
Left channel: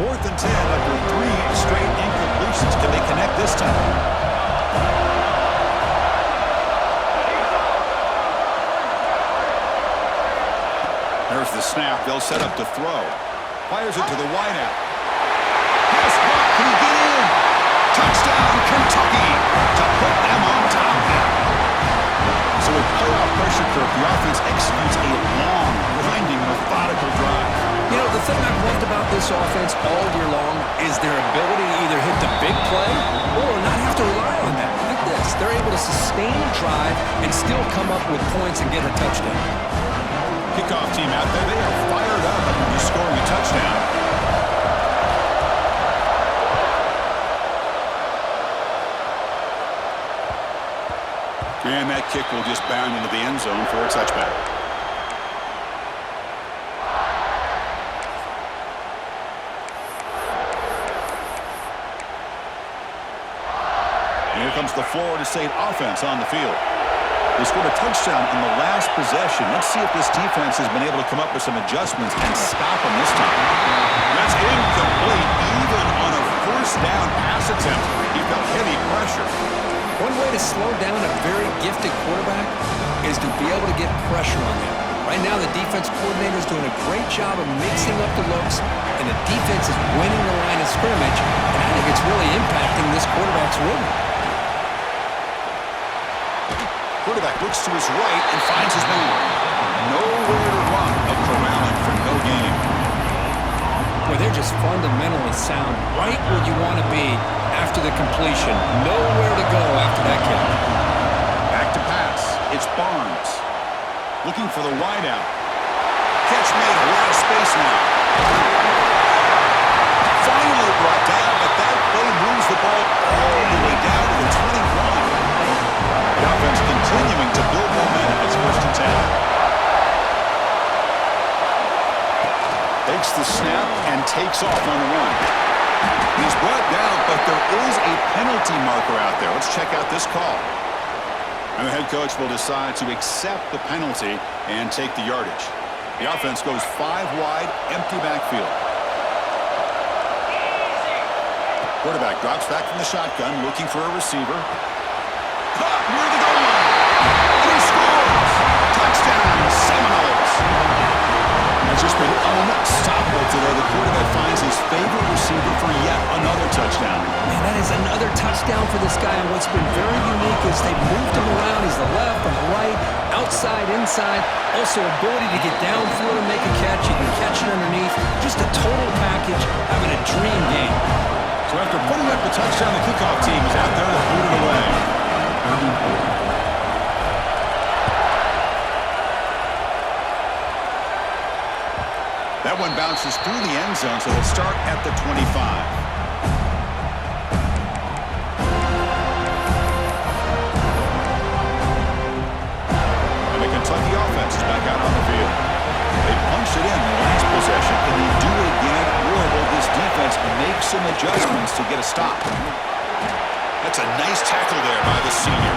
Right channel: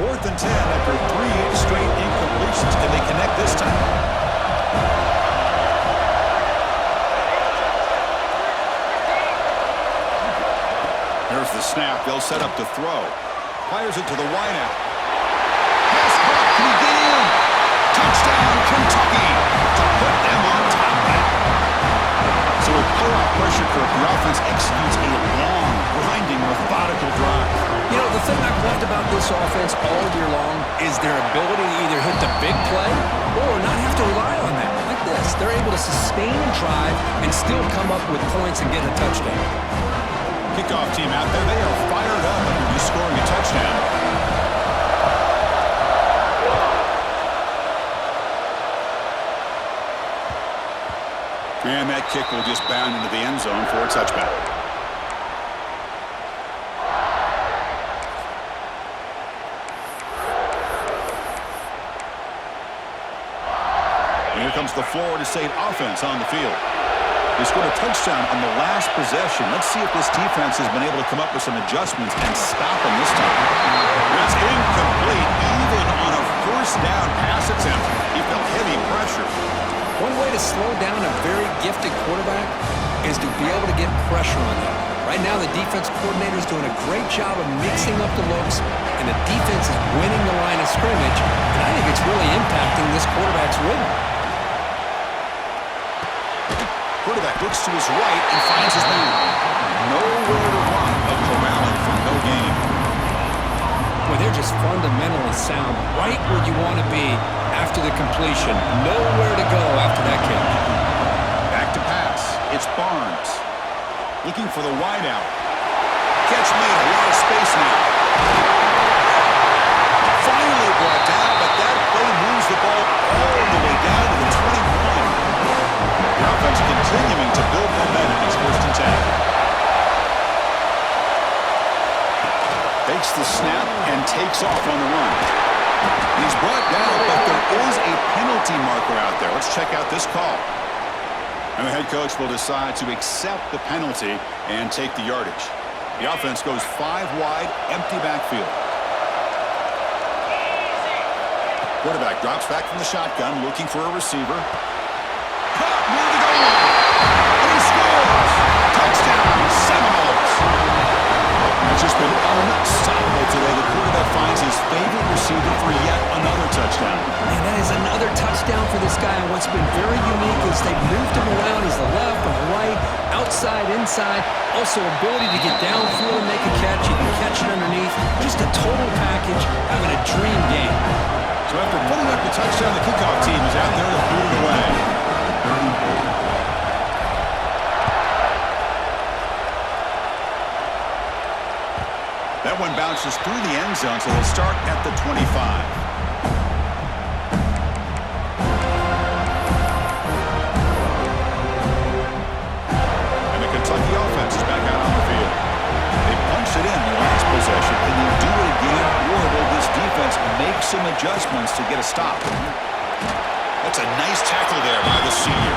4th and 10 after 3 straight incompletions. Can they connect this time? There's the snap. They'll set up to throw. Fires it to the wideout. Pass caught. Can he get in? Touchdown, Kentucky, to put them on top now. So with playoff pressure curve, the offense executes a long, grinding, methodical drive. You know, the thing I've loved about this offense all year long is their ability to either hit the big play or not have to rely on that. Like this. They're able to sustain a drive and still come up with points and get a touchdown. Kickoff team out there, they are fired up after just scoring a touchdown. And that kick will just bound into the end zone for a touchback. And here comes the Florida State offense on the field. They scored a touchdown on the last possession. Let's see if this defense has been able to come up with some adjustments and stop them this time. That's incomplete, even on a first down pass attempt. He felt heavy pressure. One way to slow down a very gifted quarterback is to be able to get pressure on him. Right now, the defense coordinator is doing a great job of mixing up the looks, and the defense is winning the line of scrimmage, and I think it's really impacting this quarterback's rhythm. Quarterback looks to his right and finds his man. Nowhere to run, a corralling for no gain. Boy, they're just fundamentally sound, right where you want to be after the completion. Nowhere to go after that catch. Back to pass. It's Barnes. Looking for the wideout. Catch made, a lot of space now. Finally brought down, but that play moves the ball all the way down to the 21. The offense continuing to build momentum. It's 1st and 10. Takes the snap and takes off on the run. He's brought down, but there is a penalty marker out there. Let's check out this call. And the head coach will decide to accept the penalty and take the yardage. The offense goes 5 wide, empty backfield. Quarterback drops back from the shotgun, looking for a receiver. Caught near the goal line. And he scores. Touchdown, Seminoles. That's just been unstoppable today. The quarterback finds his favorite receiver for yet another touchdown. Man, that is another touchdown for this guy. And what's been very unique is they've moved him around. He's the left and the right, outside, inside. Also ability to get downfield and make a catch. You can catch it underneath. Just a total package, having a dream game. So after putting up the touchdown, the kickoff team is out there to boot it away. That one bounces through the end zone, so they'll start at the 25. And the Kentucky offense is back out on the field. They punched it in the last possession. Can they do it again, or will this defense make some adjustments to get a stop? That's a nice tackle there by the senior.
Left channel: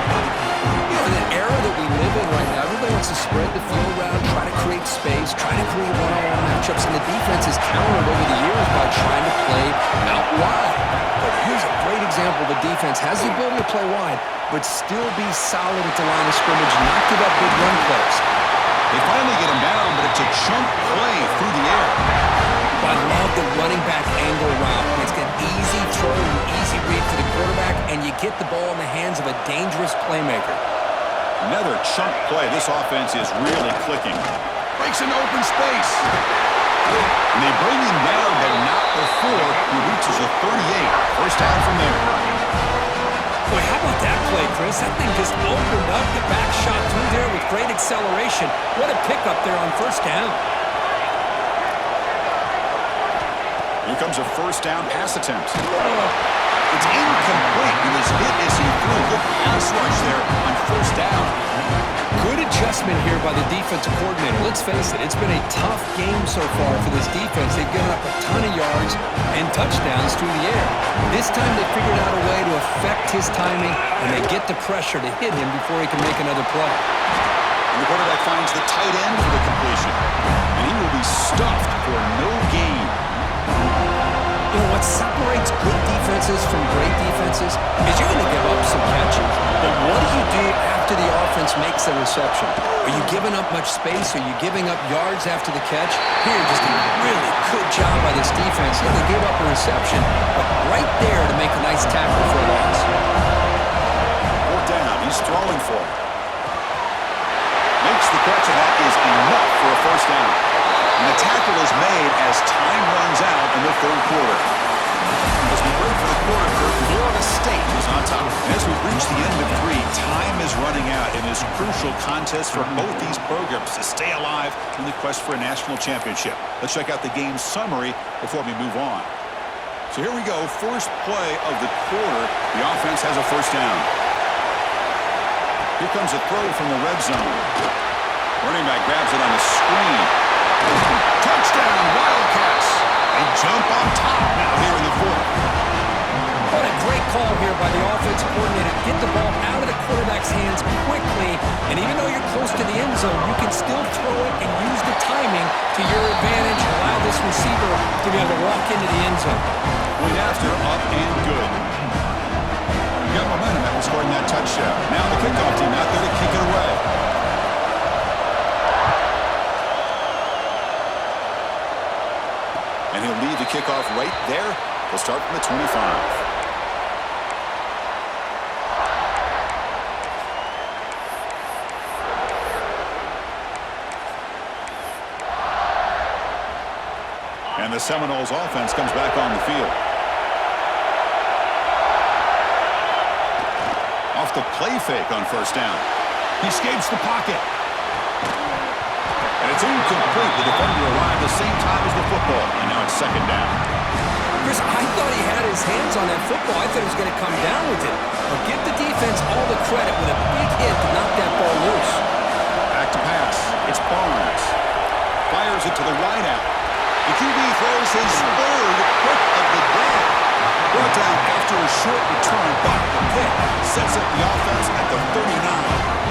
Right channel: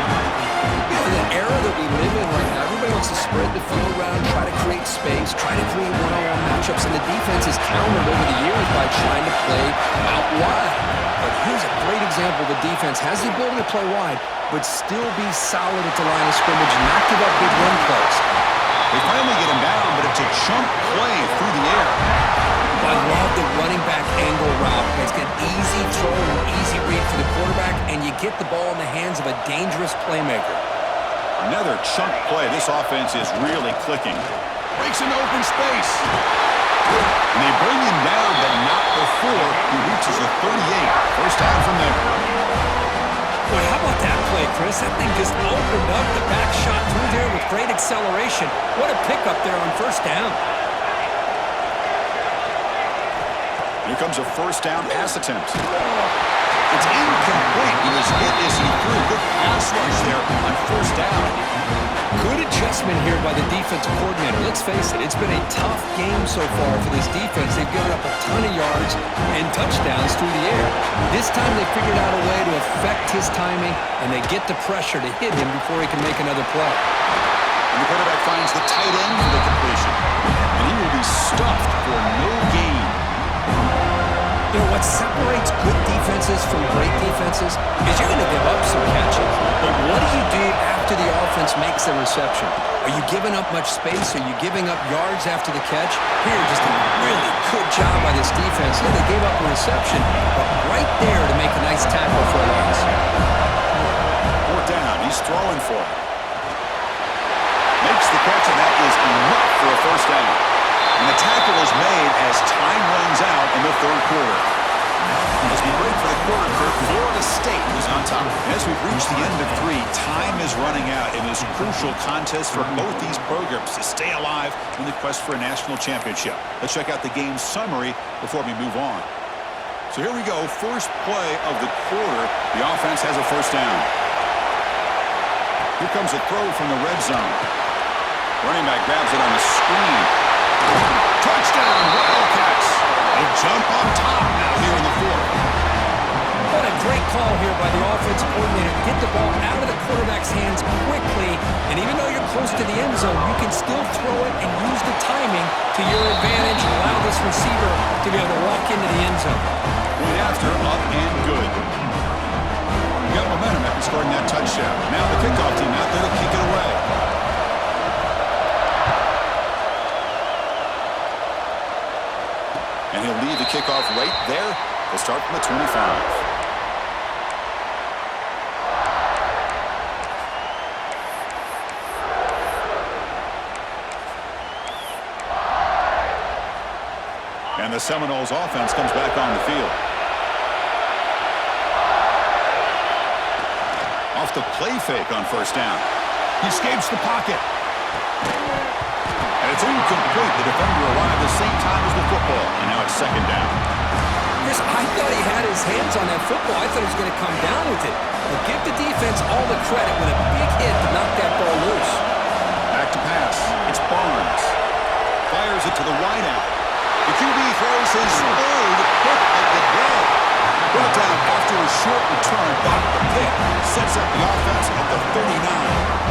You know, in the era that we live in right now, everybody wants to spread the field around, try to create space, try to create one-on-one matchups, and the defense is countered over the years by trying to play out wide. But here's a great example. The defense has the ability to play wide, but still be solid at the line of scrimmage, not give up big run plays. They finally get him down, but it's a chunk play through the air. I love the running back angle route. It's an easy throw and easy read for the quarterback, and you get the ball in the hands of a dangerous playmaker. Another chunk play. This offense is really clicking. Breaks into open space. And they bring him down, but not before he reaches the 38. First down from there. Boy, how about that play, Chris? That thing just opened up the back shot through there with great acceleration. What a pickup there on first down. Here comes a first down pass attempt. It's incomplete. He was hit as he threw. Good pass rush there on first down. Good adjustment here by the defensive coordinator. Let's face it, it's been a tough game so far for this defense. They've given up a ton of yards and touchdowns through the air. This time they figured out a way to affect his timing, and they get the pressure to hit him before he can make another play. And the quarterback finds the tight end for the completion. And he will be stuffed for no gain. You know, what separates good defenses from great defenses is you're going to give up some catches. But what do you do after the offense makes the reception? Are you giving up much space? Are you giving up yards after the catch? Here, just a really good job by this defense. Yeah, they gave up a reception, but right there to make a nice tackle for a loss. 4th down. He's throwing for it. Makes the catch, and that is enough for a first down. And the tackle is made as time runs out in the 3rd quarter. As we break for the quarter, Florida State is on top. And as we reach the end of 3, time is running out in this crucial contest for both these programs to stay alive in the quest for a national championship. Let's check out the game summary before we move on. So here we go. First play of the quarter. The offense has a first down. Here comes a throw from the red zone. Running back grabs it on a screen. Touchdown, Wildcats. They jump on top now here in the 4th. What a great call here by the offensive coordinator. Get the ball out of the quarterback's hands quickly, and even though you're close to the end zone, you can still throw it and use the timing to your advantage and allow this receiver to be able to walk into the end zone. Point after, up and good. Got momentum after scoring that touchdown. Now the kickoff team out there to kick it away. And he'll lead the kickoff right there. They'll start from the 25. And the Seminoles offense comes back on the field. Off the play fake on first down. He escapes the pocket. And it's incomplete. The defender arrived the same time as the football. And now it's second down. Chris, I thought he had his hands on that football. I thought he was going to come down with it. But give the defense all the credit with a big hit to knock that ball loose. Back to pass. It's Barnes. Fires it to the wideout. The QB throws his third pick of the day. Brought down after a short return, but the pick sets up the offense at the 39.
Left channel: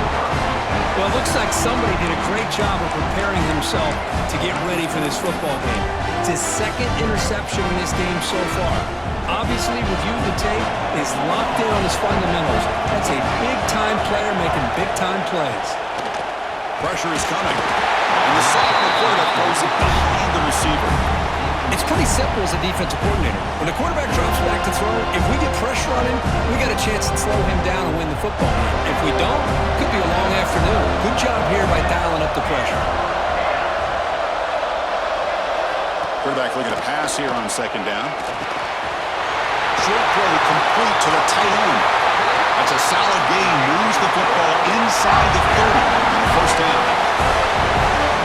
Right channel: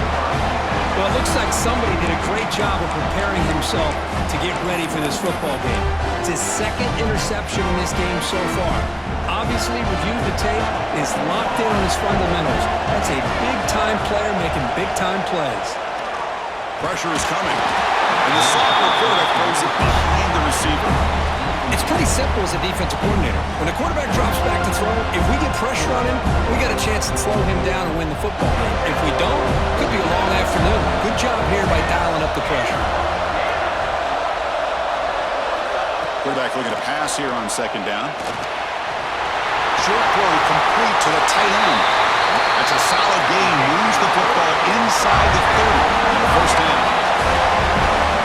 Well, it looks like somebody did a great job of preparing himself to get ready for this football game. It's his second interception in this game so far. Obviously, reviewed the tape, is locked in on his fundamentals. That's a big-time player making big-time plays. Pressure is coming. And the sophomore quarterback throws it behind the receiver. It's pretty simple as a defensive coordinator. When the quarterback drops back to throw, if we get pressure on him, we got a chance to slow him down and win the football game. If we don't, could be a long afternoon. Good job here by dialing up the pressure. Quarterback looking to pass here on second down. Short throw complete to the tight end. That's a solid gain. Moves the football inside the 30 and a first down.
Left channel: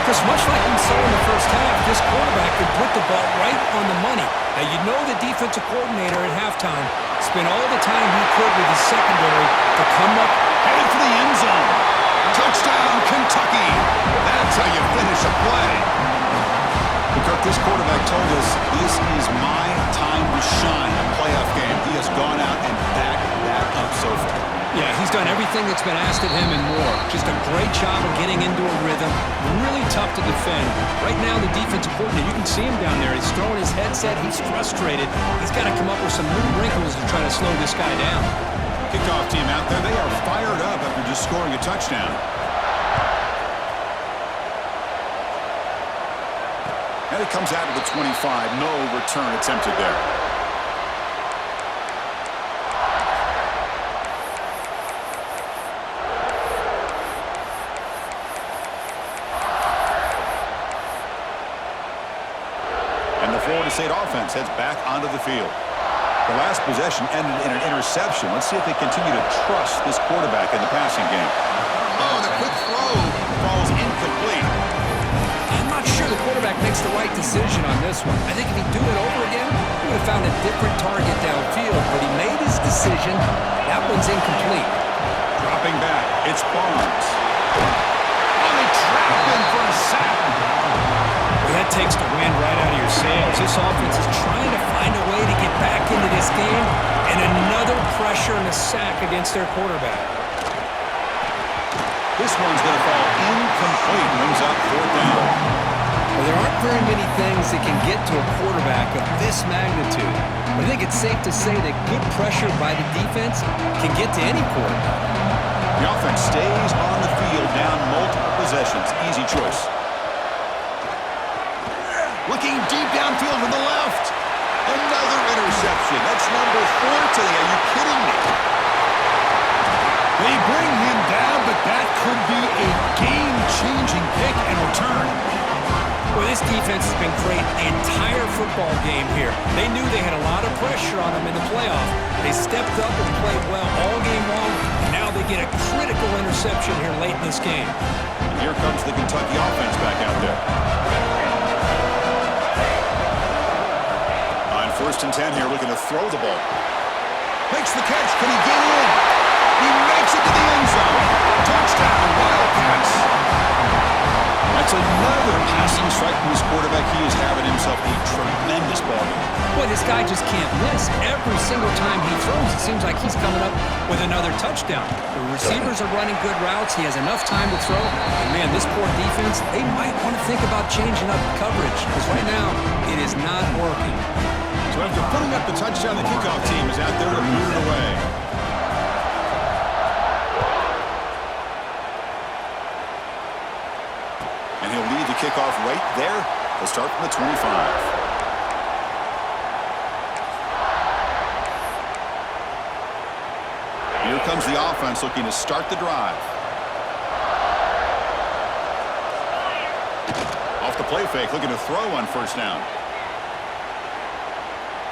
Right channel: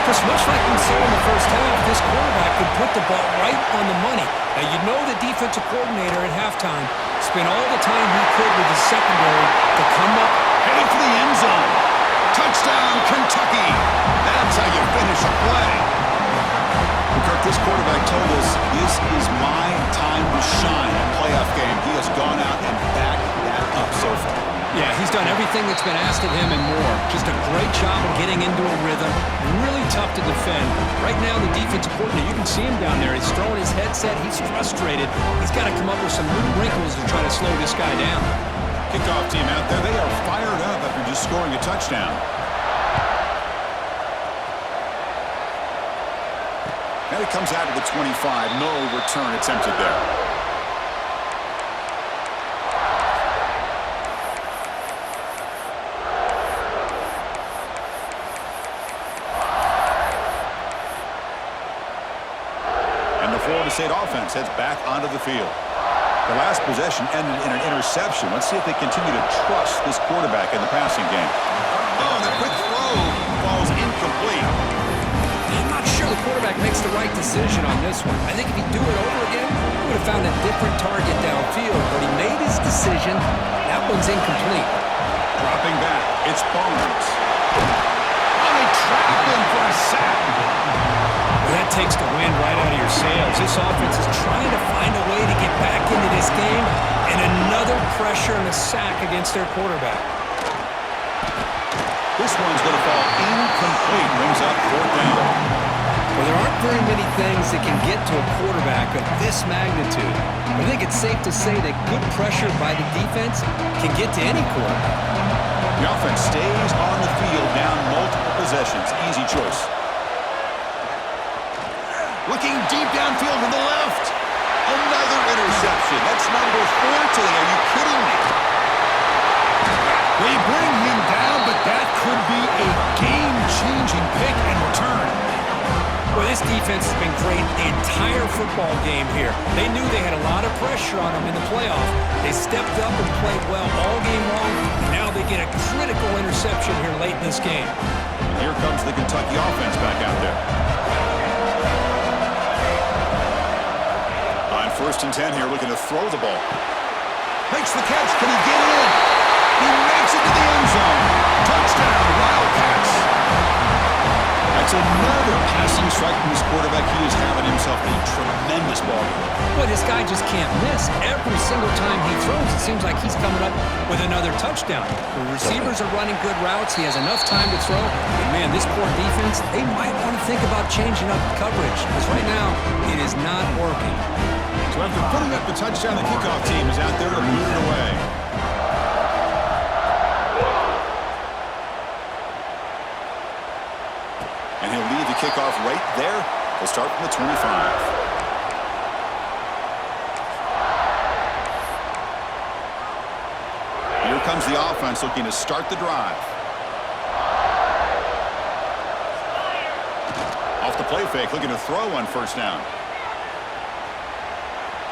Chris, much like we saw in the first half, this quarterback could put the ball right on the money. Now, you know the defensive coordinator at halftime spent all the time he could with his secondary to come up. Headed for the end zone. Touchdown, Kentucky. That's how you finish a play. But Kirk, this quarterback told us this is my time to shine a playoff game. He has gone out and backed that up so far. Yeah, he's done everything that's been asked of him and more. Just a great job of getting into a rhythm. Really tough to defend. Right now, the defensive coordinator, you can see him down there. He's throwing his headset. He's frustrated. He's got to come up with some new wrinkles to try to slow this guy down. Kickoff team out there, they are fired up after just scoring a touchdown. And it comes out of the 25. No return attempted there. And the Florida State offense heads back onto the field. The last possession ended in an interception. Let's see if they continue to trust this quarterback in the passing game. Oh, the quick throw falls incomplete. I'm not sure the quarterback makes the right decision on this one. I think if he'd do it over again, he would have found a different target downfield, but he made his decision. That one's incomplete. Dropping back, it's Barnes. Oh, they trap him for a sack. Well, that takes the wind right out of your sails. This offense is trying to find a way to get back into this game, and another pressure and a sack against their quarterback. This one's going to fall incomplete. Brings up fourth down. Well, there aren't very many things that can get to a quarterback of this magnitude. But I think it's safe to say that good pressure by the defense can get to any quarterback. The offense stays on the field down multiple possessions. Easy choice. Looking deep downfield to the left. Another interception. That's number 4 today. Are you kidding me? They bring him down, but that could be a game-changing pick and return. Well, this defense has been great the entire football game here. They knew they had a lot of pressure on them in the playoff. They stepped up and played well all game long, and now they get a critical interception here late in this game. And here comes the Kentucky offense back out there. On 1st and 10 here, looking to throw the ball. Makes the catch. Can he get in? He makes it to the end zone. Touchdown, Wildcats. That's another passing strike from this quarterback. He is having himself a tremendous ball game. Boy, this guy just can't miss. Every single time he throws, it seems like he's coming up with another touchdown. The receivers are running good routes. He has enough time to throw. But, man, this poor defense, they might want to think about changing up coverage because right now it is not working. So after putting up the touchdown, the kickoff team is out there to boot it away. And he'll lead the kickoff right there. They'll start from the 25. Here comes the offense looking to start the drive. Off the play fake, looking to throw on first down.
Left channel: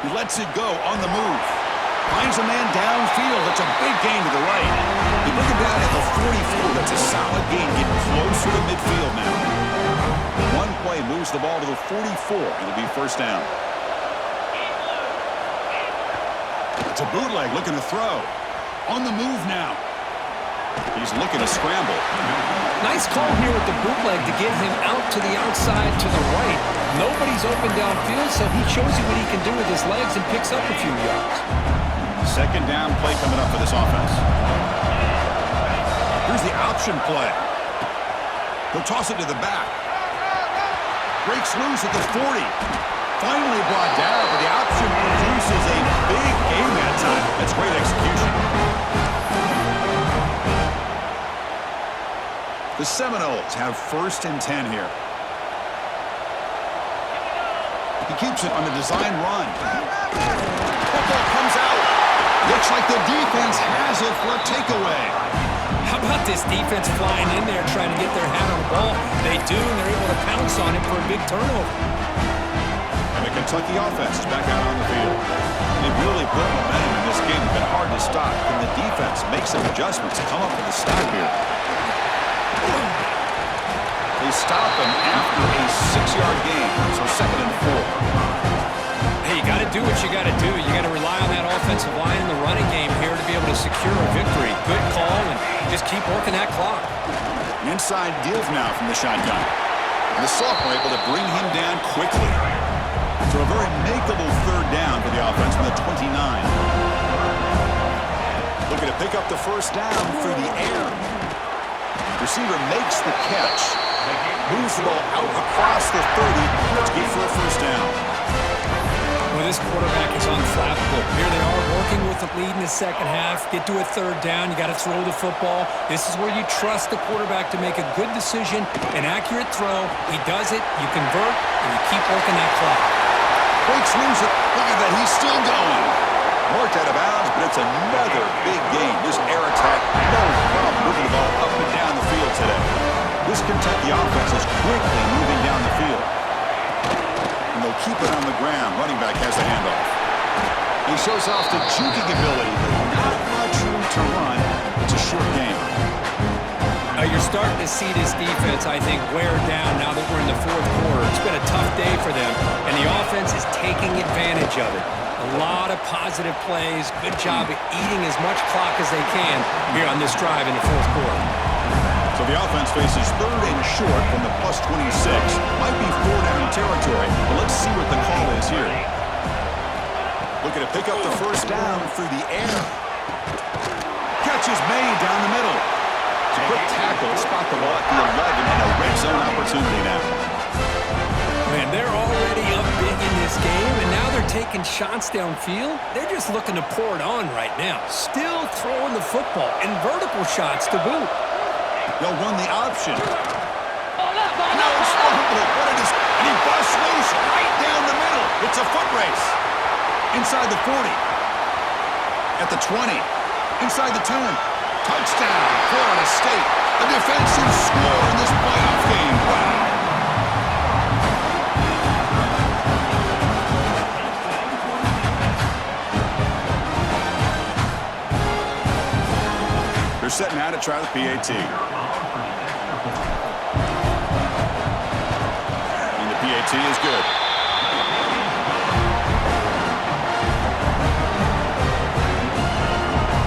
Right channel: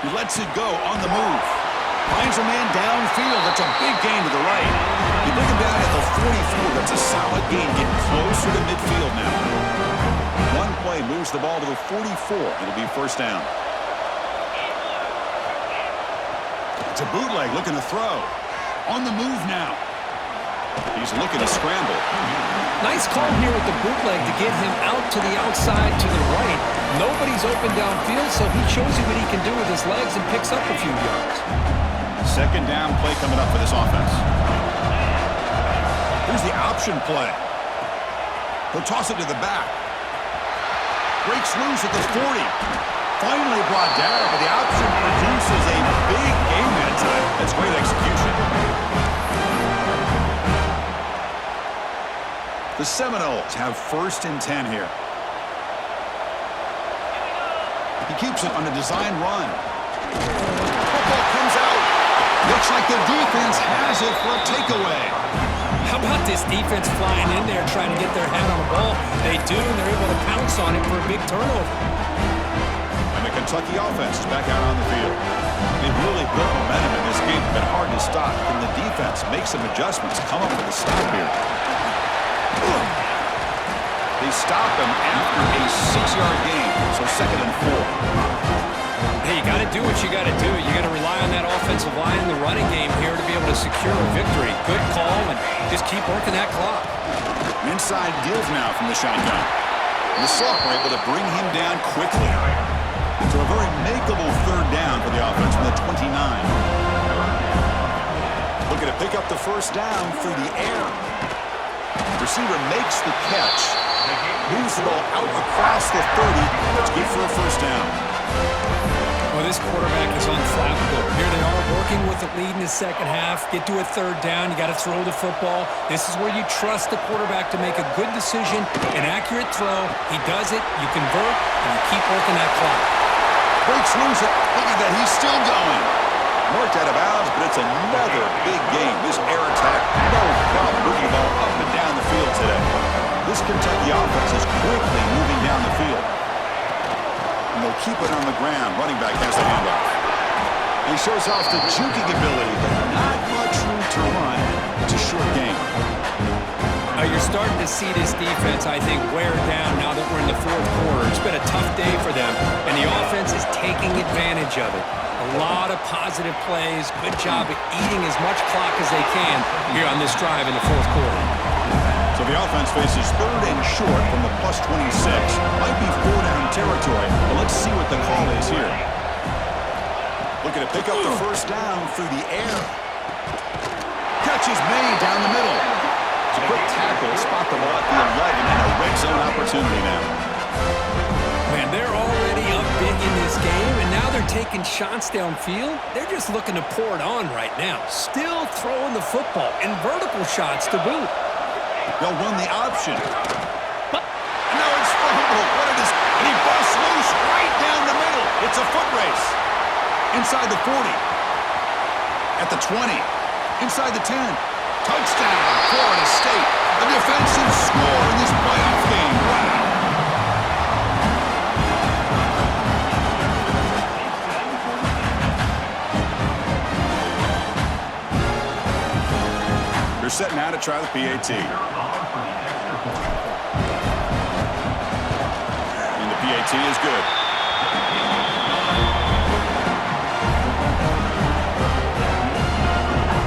He lets it go on the move. Finds a man downfield. That's a big gain to the right. You bring him down at the 44. That's a solid gain, getting closer to midfield now. One play moves the ball to the 44. It'll be first down. It's a bootleg looking to throw. On the move now. He's looking to scramble. Nice call here with the bootleg to get him out to the outside to the right. Nobody's open downfield, so he shows you what he can do with his legs and picks up a few yards. Second down play coming up for this offense. Here's the option play. He'll toss it to the back. Breaks loose at the 40. Finally brought down, but the option produces a big gain that time. That's great execution. The Seminoles have first and 10 here. He keeps it on a design run. Football comes out. Looks like the defense has it for a takeaway. How about this defense flying in there trying to get their hat on the ball? They do, and they're able to pounce on it for a big turnover. And the Kentucky offense is back out on the field. They've really built momentum in this game. It's been hard to stop. Can the defense make some adjustments, come up with a stop here? They stop him after a 6-yard gain, so 2nd and 4. Hey, you got to do what you got to do. You got to rely on that offensive line in the running game here to be able to secure a victory. Good call, and just keep working that clock. Inside give now from the shotgun. And the sophomore able to bring him down quickly. So a very makeable third down for the offense from the 29. Looking to pick up the first down through the air. Receiver makes the catch. Moves the ball out across the 30. That's good for a first down. Well, this quarterback is unflappable. Here they are working with the lead in the second half. Get to a third down. You got to throw the football. This is where you trust the quarterback to make a good decision, an accurate throw. He does it. You convert, and you keep working that clock. Breaks loose. Look at that. He's still going. Marked out of bounds, but it's another big game. This air attack, no problem moving the ball up and down the field today. This Kentucky offense is quickly moving down the field. And they'll keep it on the ground. Running back has the handoff. He shows off the juking ability, but not much room to run. It's a short game. You're starting to see this defense, I think, wear down now that we're in the fourth quarter. It's been a tough day for them, and the offense is taking advantage of it. A lot of positive plays. Good job of eating as much clock as they can here on this drive in the fourth quarter. So the offense faces third and short from the +26. Might be 4-down territory, but let's see what the call is here. Looking to pick up the first down through the air. Catch is made down the middle. It's a quick tackle, spot the ball at the 11, and a red zone opportunity now. Man, they're already up big in this game, and now they're taking shots downfield. They're just looking to pour it on right now. Still throwing the football, and vertical shots to boot. They'll run the option. And now it's fumbled. What it is. And he busts loose right down the middle. It's a foot race. Inside the 40. At the 20. Inside the 10. Touchdown, Florida State. A defensive score in this playoff game. Wow. They're set now to try the PAT. And the PAT is good.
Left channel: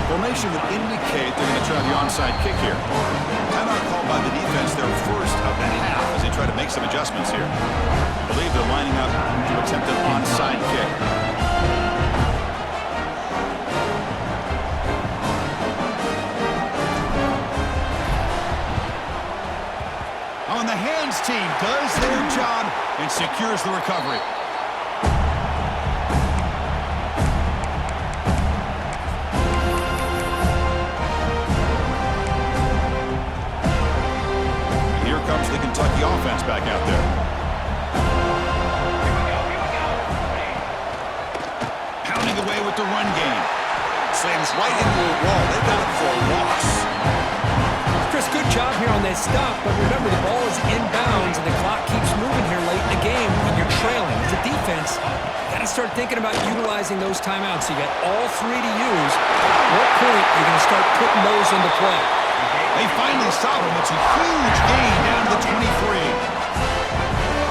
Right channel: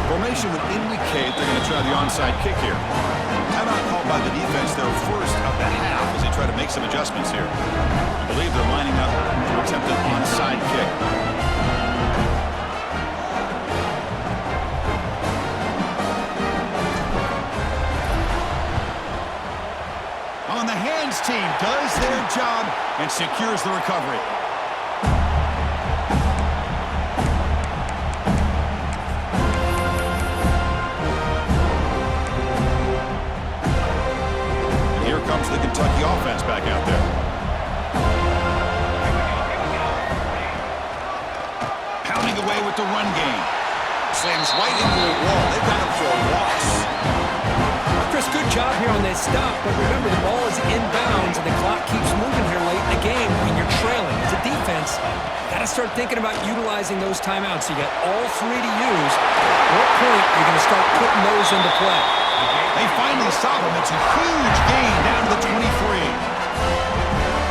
Formation would indicate they're going to try the onside kick here. Timeout called by the defense, their first of the half, as they try to make some adjustments here. I believe they're lining up to attempt an onside kick. On the hands team does their job and secures the recovery. And here comes the Kentucky offense back out there. Pounding away with the run game. Slams right into a wall. They've got him job here on that stop, but remember, the ball is inbounds, and the clock keeps moving here late in the game, and you're trailing. As a defense, you got to start thinking about utilizing those timeouts. You got all three to use. At what point are you going to start putting those into play? They finally stop him. It's a huge gain down to the 23.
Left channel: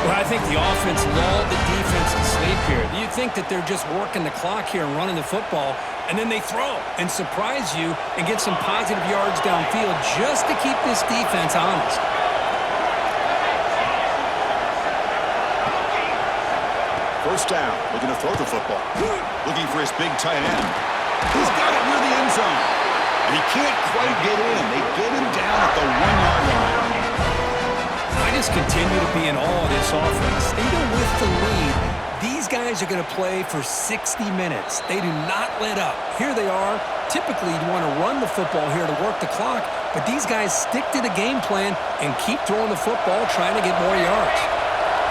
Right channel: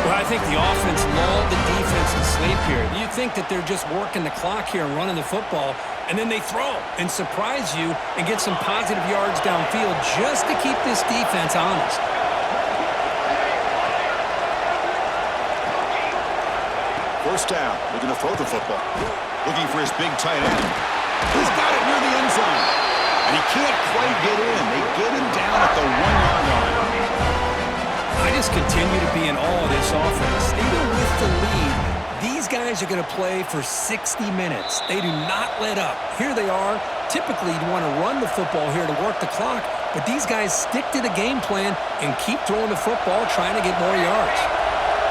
Well, I think the offense lulled the defense to sleep here. You think that they're just working the clock here and running the football, and then they throw and surprise you and get some positive yards downfield just to keep this defense honest. First down, looking to throw the football. Looking for his big tight end. He's got it near the end zone. And he can't quite get in. They get him down at the 1-yard line. I just continue to be in awe of this offense. Even with the lead, these guys are going to play for 60 minutes. They do not let up. Here they are. Typically, you want to run the football here to work the clock, but these guys stick to the game plan and keep throwing the football, trying to get more yards.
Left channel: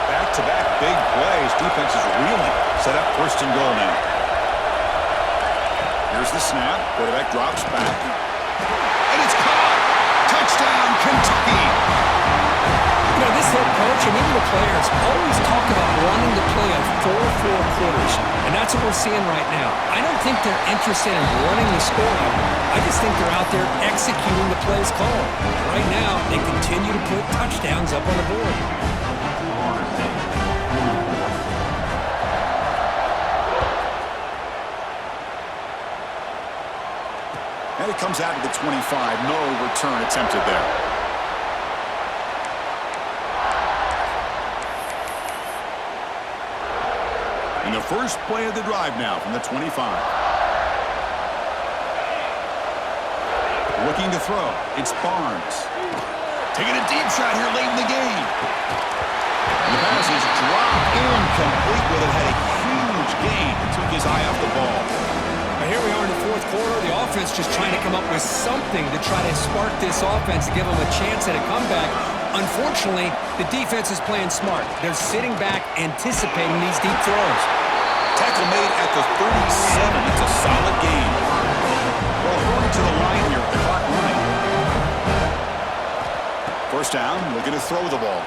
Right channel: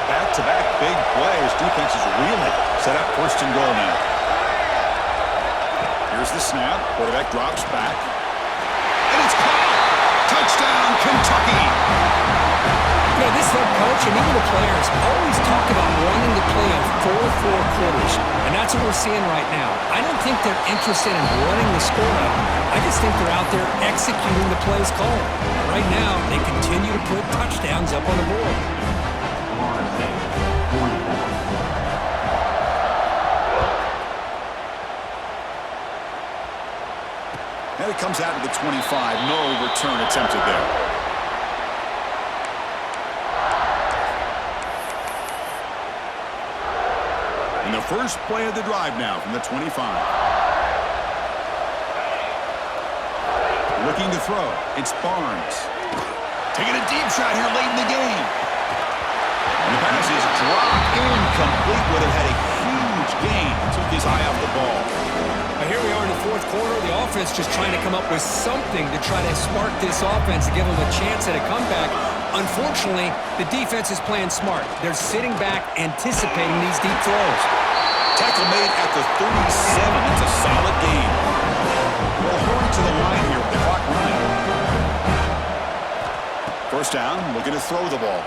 Back-to-back big plays. Defense is reeling. Set up first and goal now. Here's the snap. Quarterback drops back. And it's caught. Touchdown, Kentucky. You know, this head coach and even the players always talk about wanting to play a 4-4 quarters, and that's what we're seeing right now. I don't think they're interested in running the score up. I just think they're out there executing the plays called. Right now, they continue to put touchdowns up on the board. And it comes out to the 25. No return attempted there. And the first play of the drive now from the 25. Looking to throw. It's Barnes. Taking a deep shot here late in the game. And the pass is dropped incomplete, but it had a huge gain. Took his eye off the ball. Now here we are in the fourth quarter. The offense just trying to come up with something to try to spark this offense to give them a chance at a comeback. Unfortunately, the defense is playing smart. They're sitting back, anticipating these deep throws. Tackle made at the 37. It's a solid gain. Well, hurry to the line here with the clock running. First down, looking to throw the ball.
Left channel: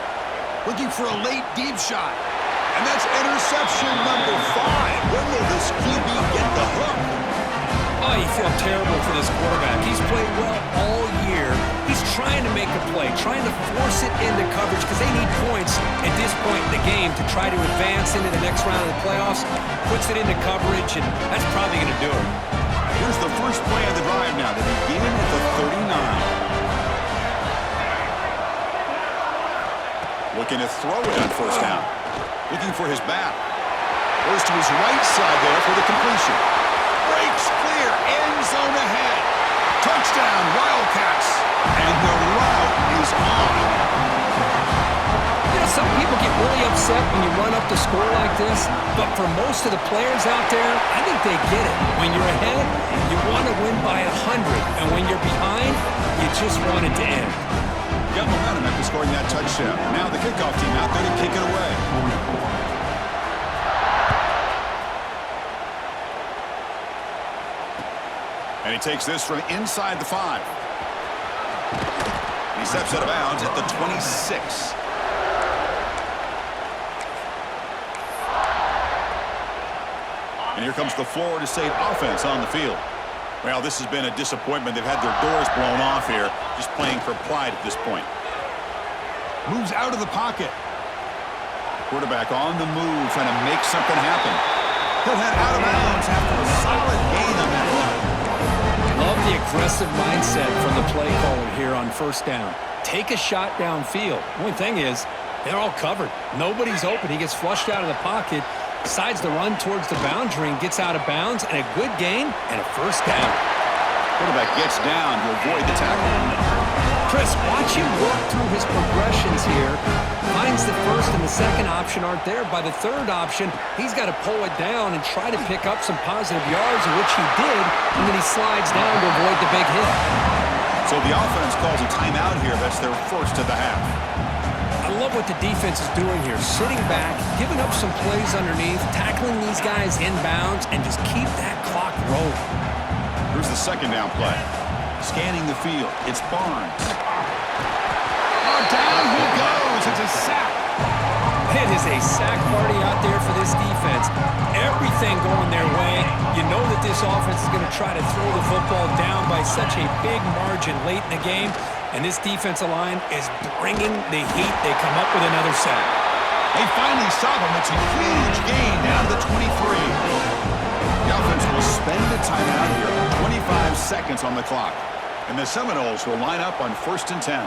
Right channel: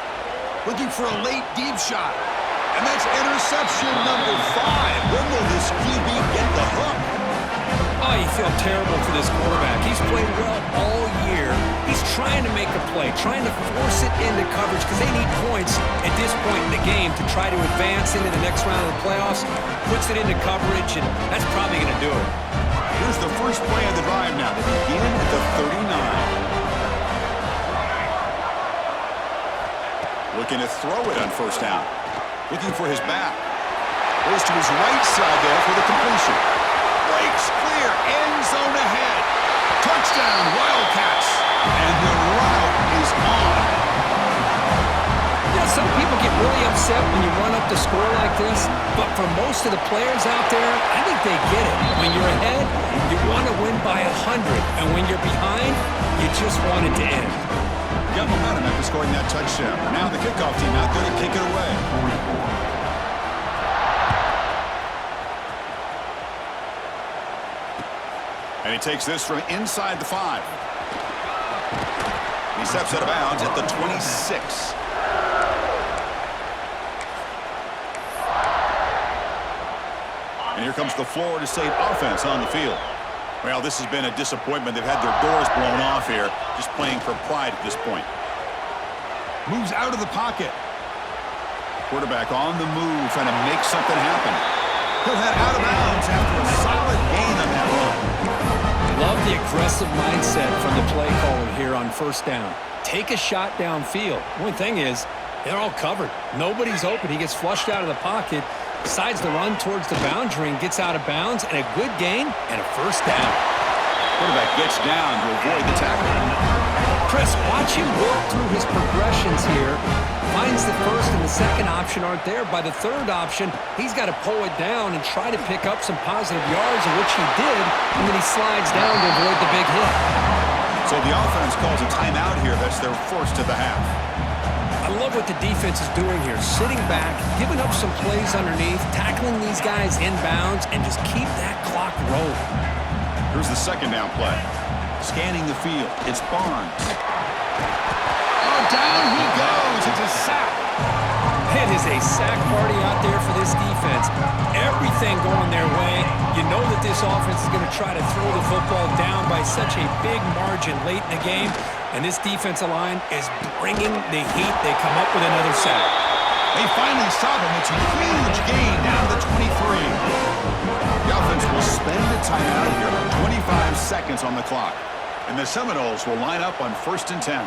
Looking for a late deep shot. And that's interception number 5. When will this QB get the hook? Oh, you feel terrible for this quarterback. He's played well all year. He's trying to make a play, trying to force it into coverage because they need points at this point in the game to try to advance into the next round of the playoffs. Puts it into coverage, and that's probably going to do it. Here's the first play of the drive now. They begin at the 39. Looking to throw it on first down. Looking for his back. Goes to his right side there for the completion. Breaks clear. End zone ahead. Touchdown, Wildcats. And the route is on. You know, some people get really upset when you run up the score like this, but for most of the players out there, I think they get it. When you're ahead, you want to win by 100, and when you're behind, you just want it to end. Got momentum after scoring that touchdown. Now the kickoff team out there to kick it away. And he takes this from inside the 5. He steps out of bounds at the 26. And here comes the Florida State offense on the field. Well, this has been a disappointment. They've had their doors blown off here, just playing for pride at this point. Moves out of the pocket. Quarterback on the move, trying to make something happen. He'll head out of bounds after a solid gain on that run. Love the aggressive mindset from the play caller here on first down. Take a shot downfield. The only thing is, they're all covered. Nobody's open. He gets flushed out of the pocket, decides to run towards the boundary and gets out of bounds, and a good gain and a first down. Quarterback gets down to avoid the tackle. Chris, watch him work through his progressions here. Finds the first and the second option aren't there. By the third option, he's got to pull it down and try to pick up some positive yards, which he did, and then he slides down to avoid the big hit. So the offense calls a timeout here. That's their first of the half. I love what the defense is doing here. Sitting back, giving up some plays underneath, tackling these guys inbounds, and just keep that clock rolling. Here's the second down play. Scanning the field. It's Barnes. Down he goes. It's a sack. It is a sack party out there for this defense. Everything going their way. You know that this offense is going to try to throw the football down by such a big margin late in the game. And this defensive line is bringing the heat. They come up with another sack. They finally stop him. It's a huge gain down to the 23. The offense will spend a timeout here. 25 seconds on the clock. And the Seminoles will line up on 1st and 10.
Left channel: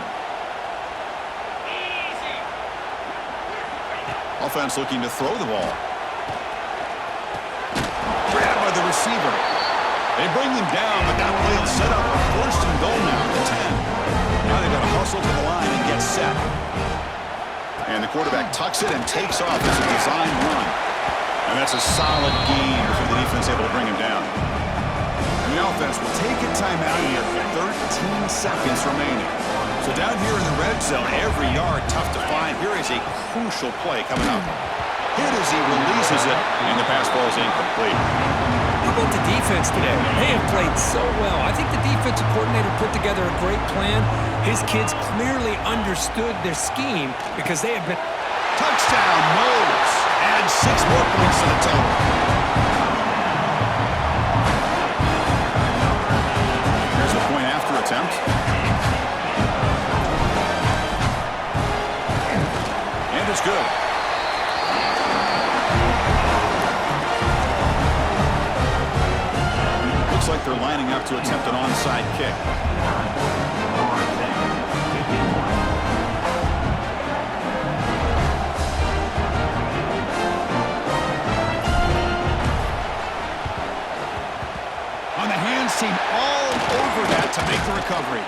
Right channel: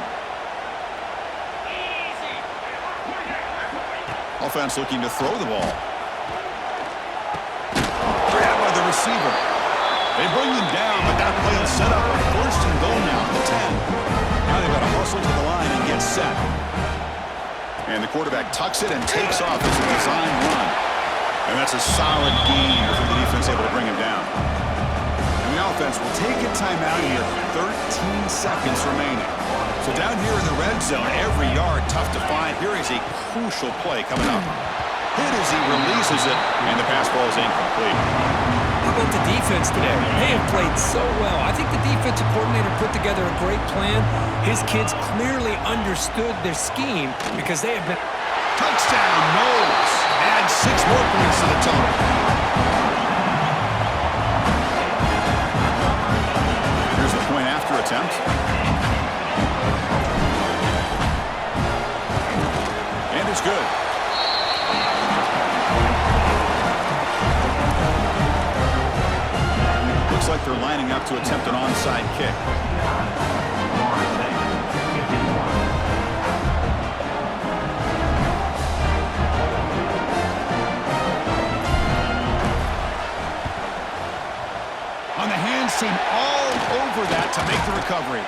Offense looking to throw the ball. Grabbed by the receiver. They bring him down, but that play will set up a 1st and goal now at the 10. Now they've got to hustle to the line and get set. And the quarterback tucks it and takes off as a design run. And that's a solid gain before the defense able to bring him down. And the offense will take a timeout here. 13 seconds remaining. So down here in the red zone, every yard tough to find. Here is a crucial play coming up. Hit as he releases it, and the pass ball is incomplete. How about the defense today? They have played so well. I think the defensive coordinator put together a great plan. His kids clearly understood their scheme because they have been... Touchdown, Knowles. Add 6 more points to the total. Here's the point after attempt. And it's good. Looks like they're lining up to attempt an onside kick. On the hands team all over that to make the recovery.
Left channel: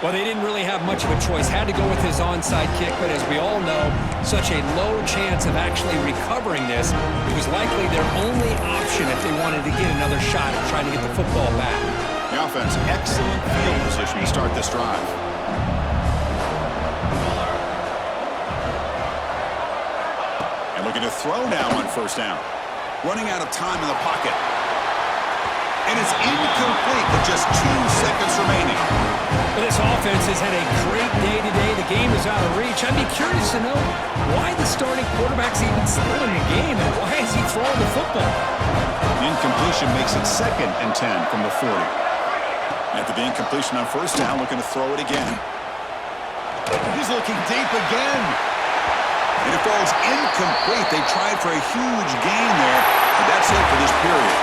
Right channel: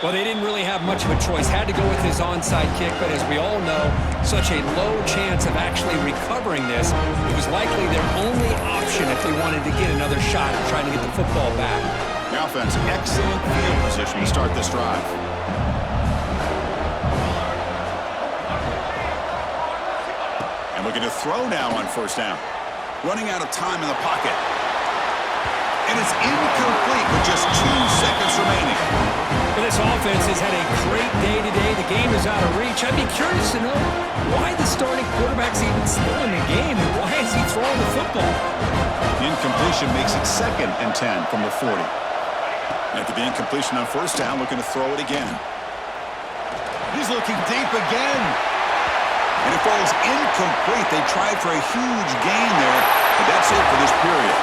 Well, they didn't really have much of a choice. Had to go with his onside kick, but as we all know, such a low chance of actually recovering this. It was likely their only option if they wanted to get another shot at trying to get the football back. The offense, excellent field position to start this drive. And looking to throw now on 1st down. Running out of time in the pocket. And it's incomplete with just 2 seconds remaining. Well, this offense has had a great day today. The game is out of reach. I'd be curious to know why the starting quarterback's even still in the game and why is he throwing the football? The incompletion makes it 2nd and 10 from the 40. After the incompletion on 1st down, looking to throw it again. He's looking deep again. And it falls incomplete. They tried for a huge gain there, but that's it for this period.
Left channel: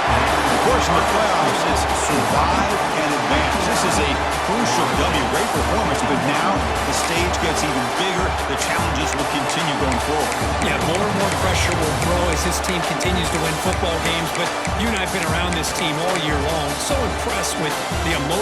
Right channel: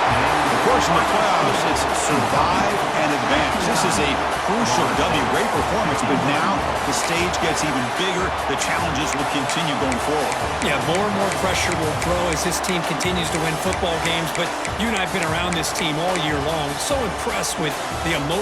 Of course, in the playoffs, it's survive and advance. This is a crucial W. Great performance, but now the stage gets even bigger. The challenges will continue going forward. Yeah, more and more pressure will grow as this team continues to win football games, but you and I have been around this team all year long. So impressed with the emotion.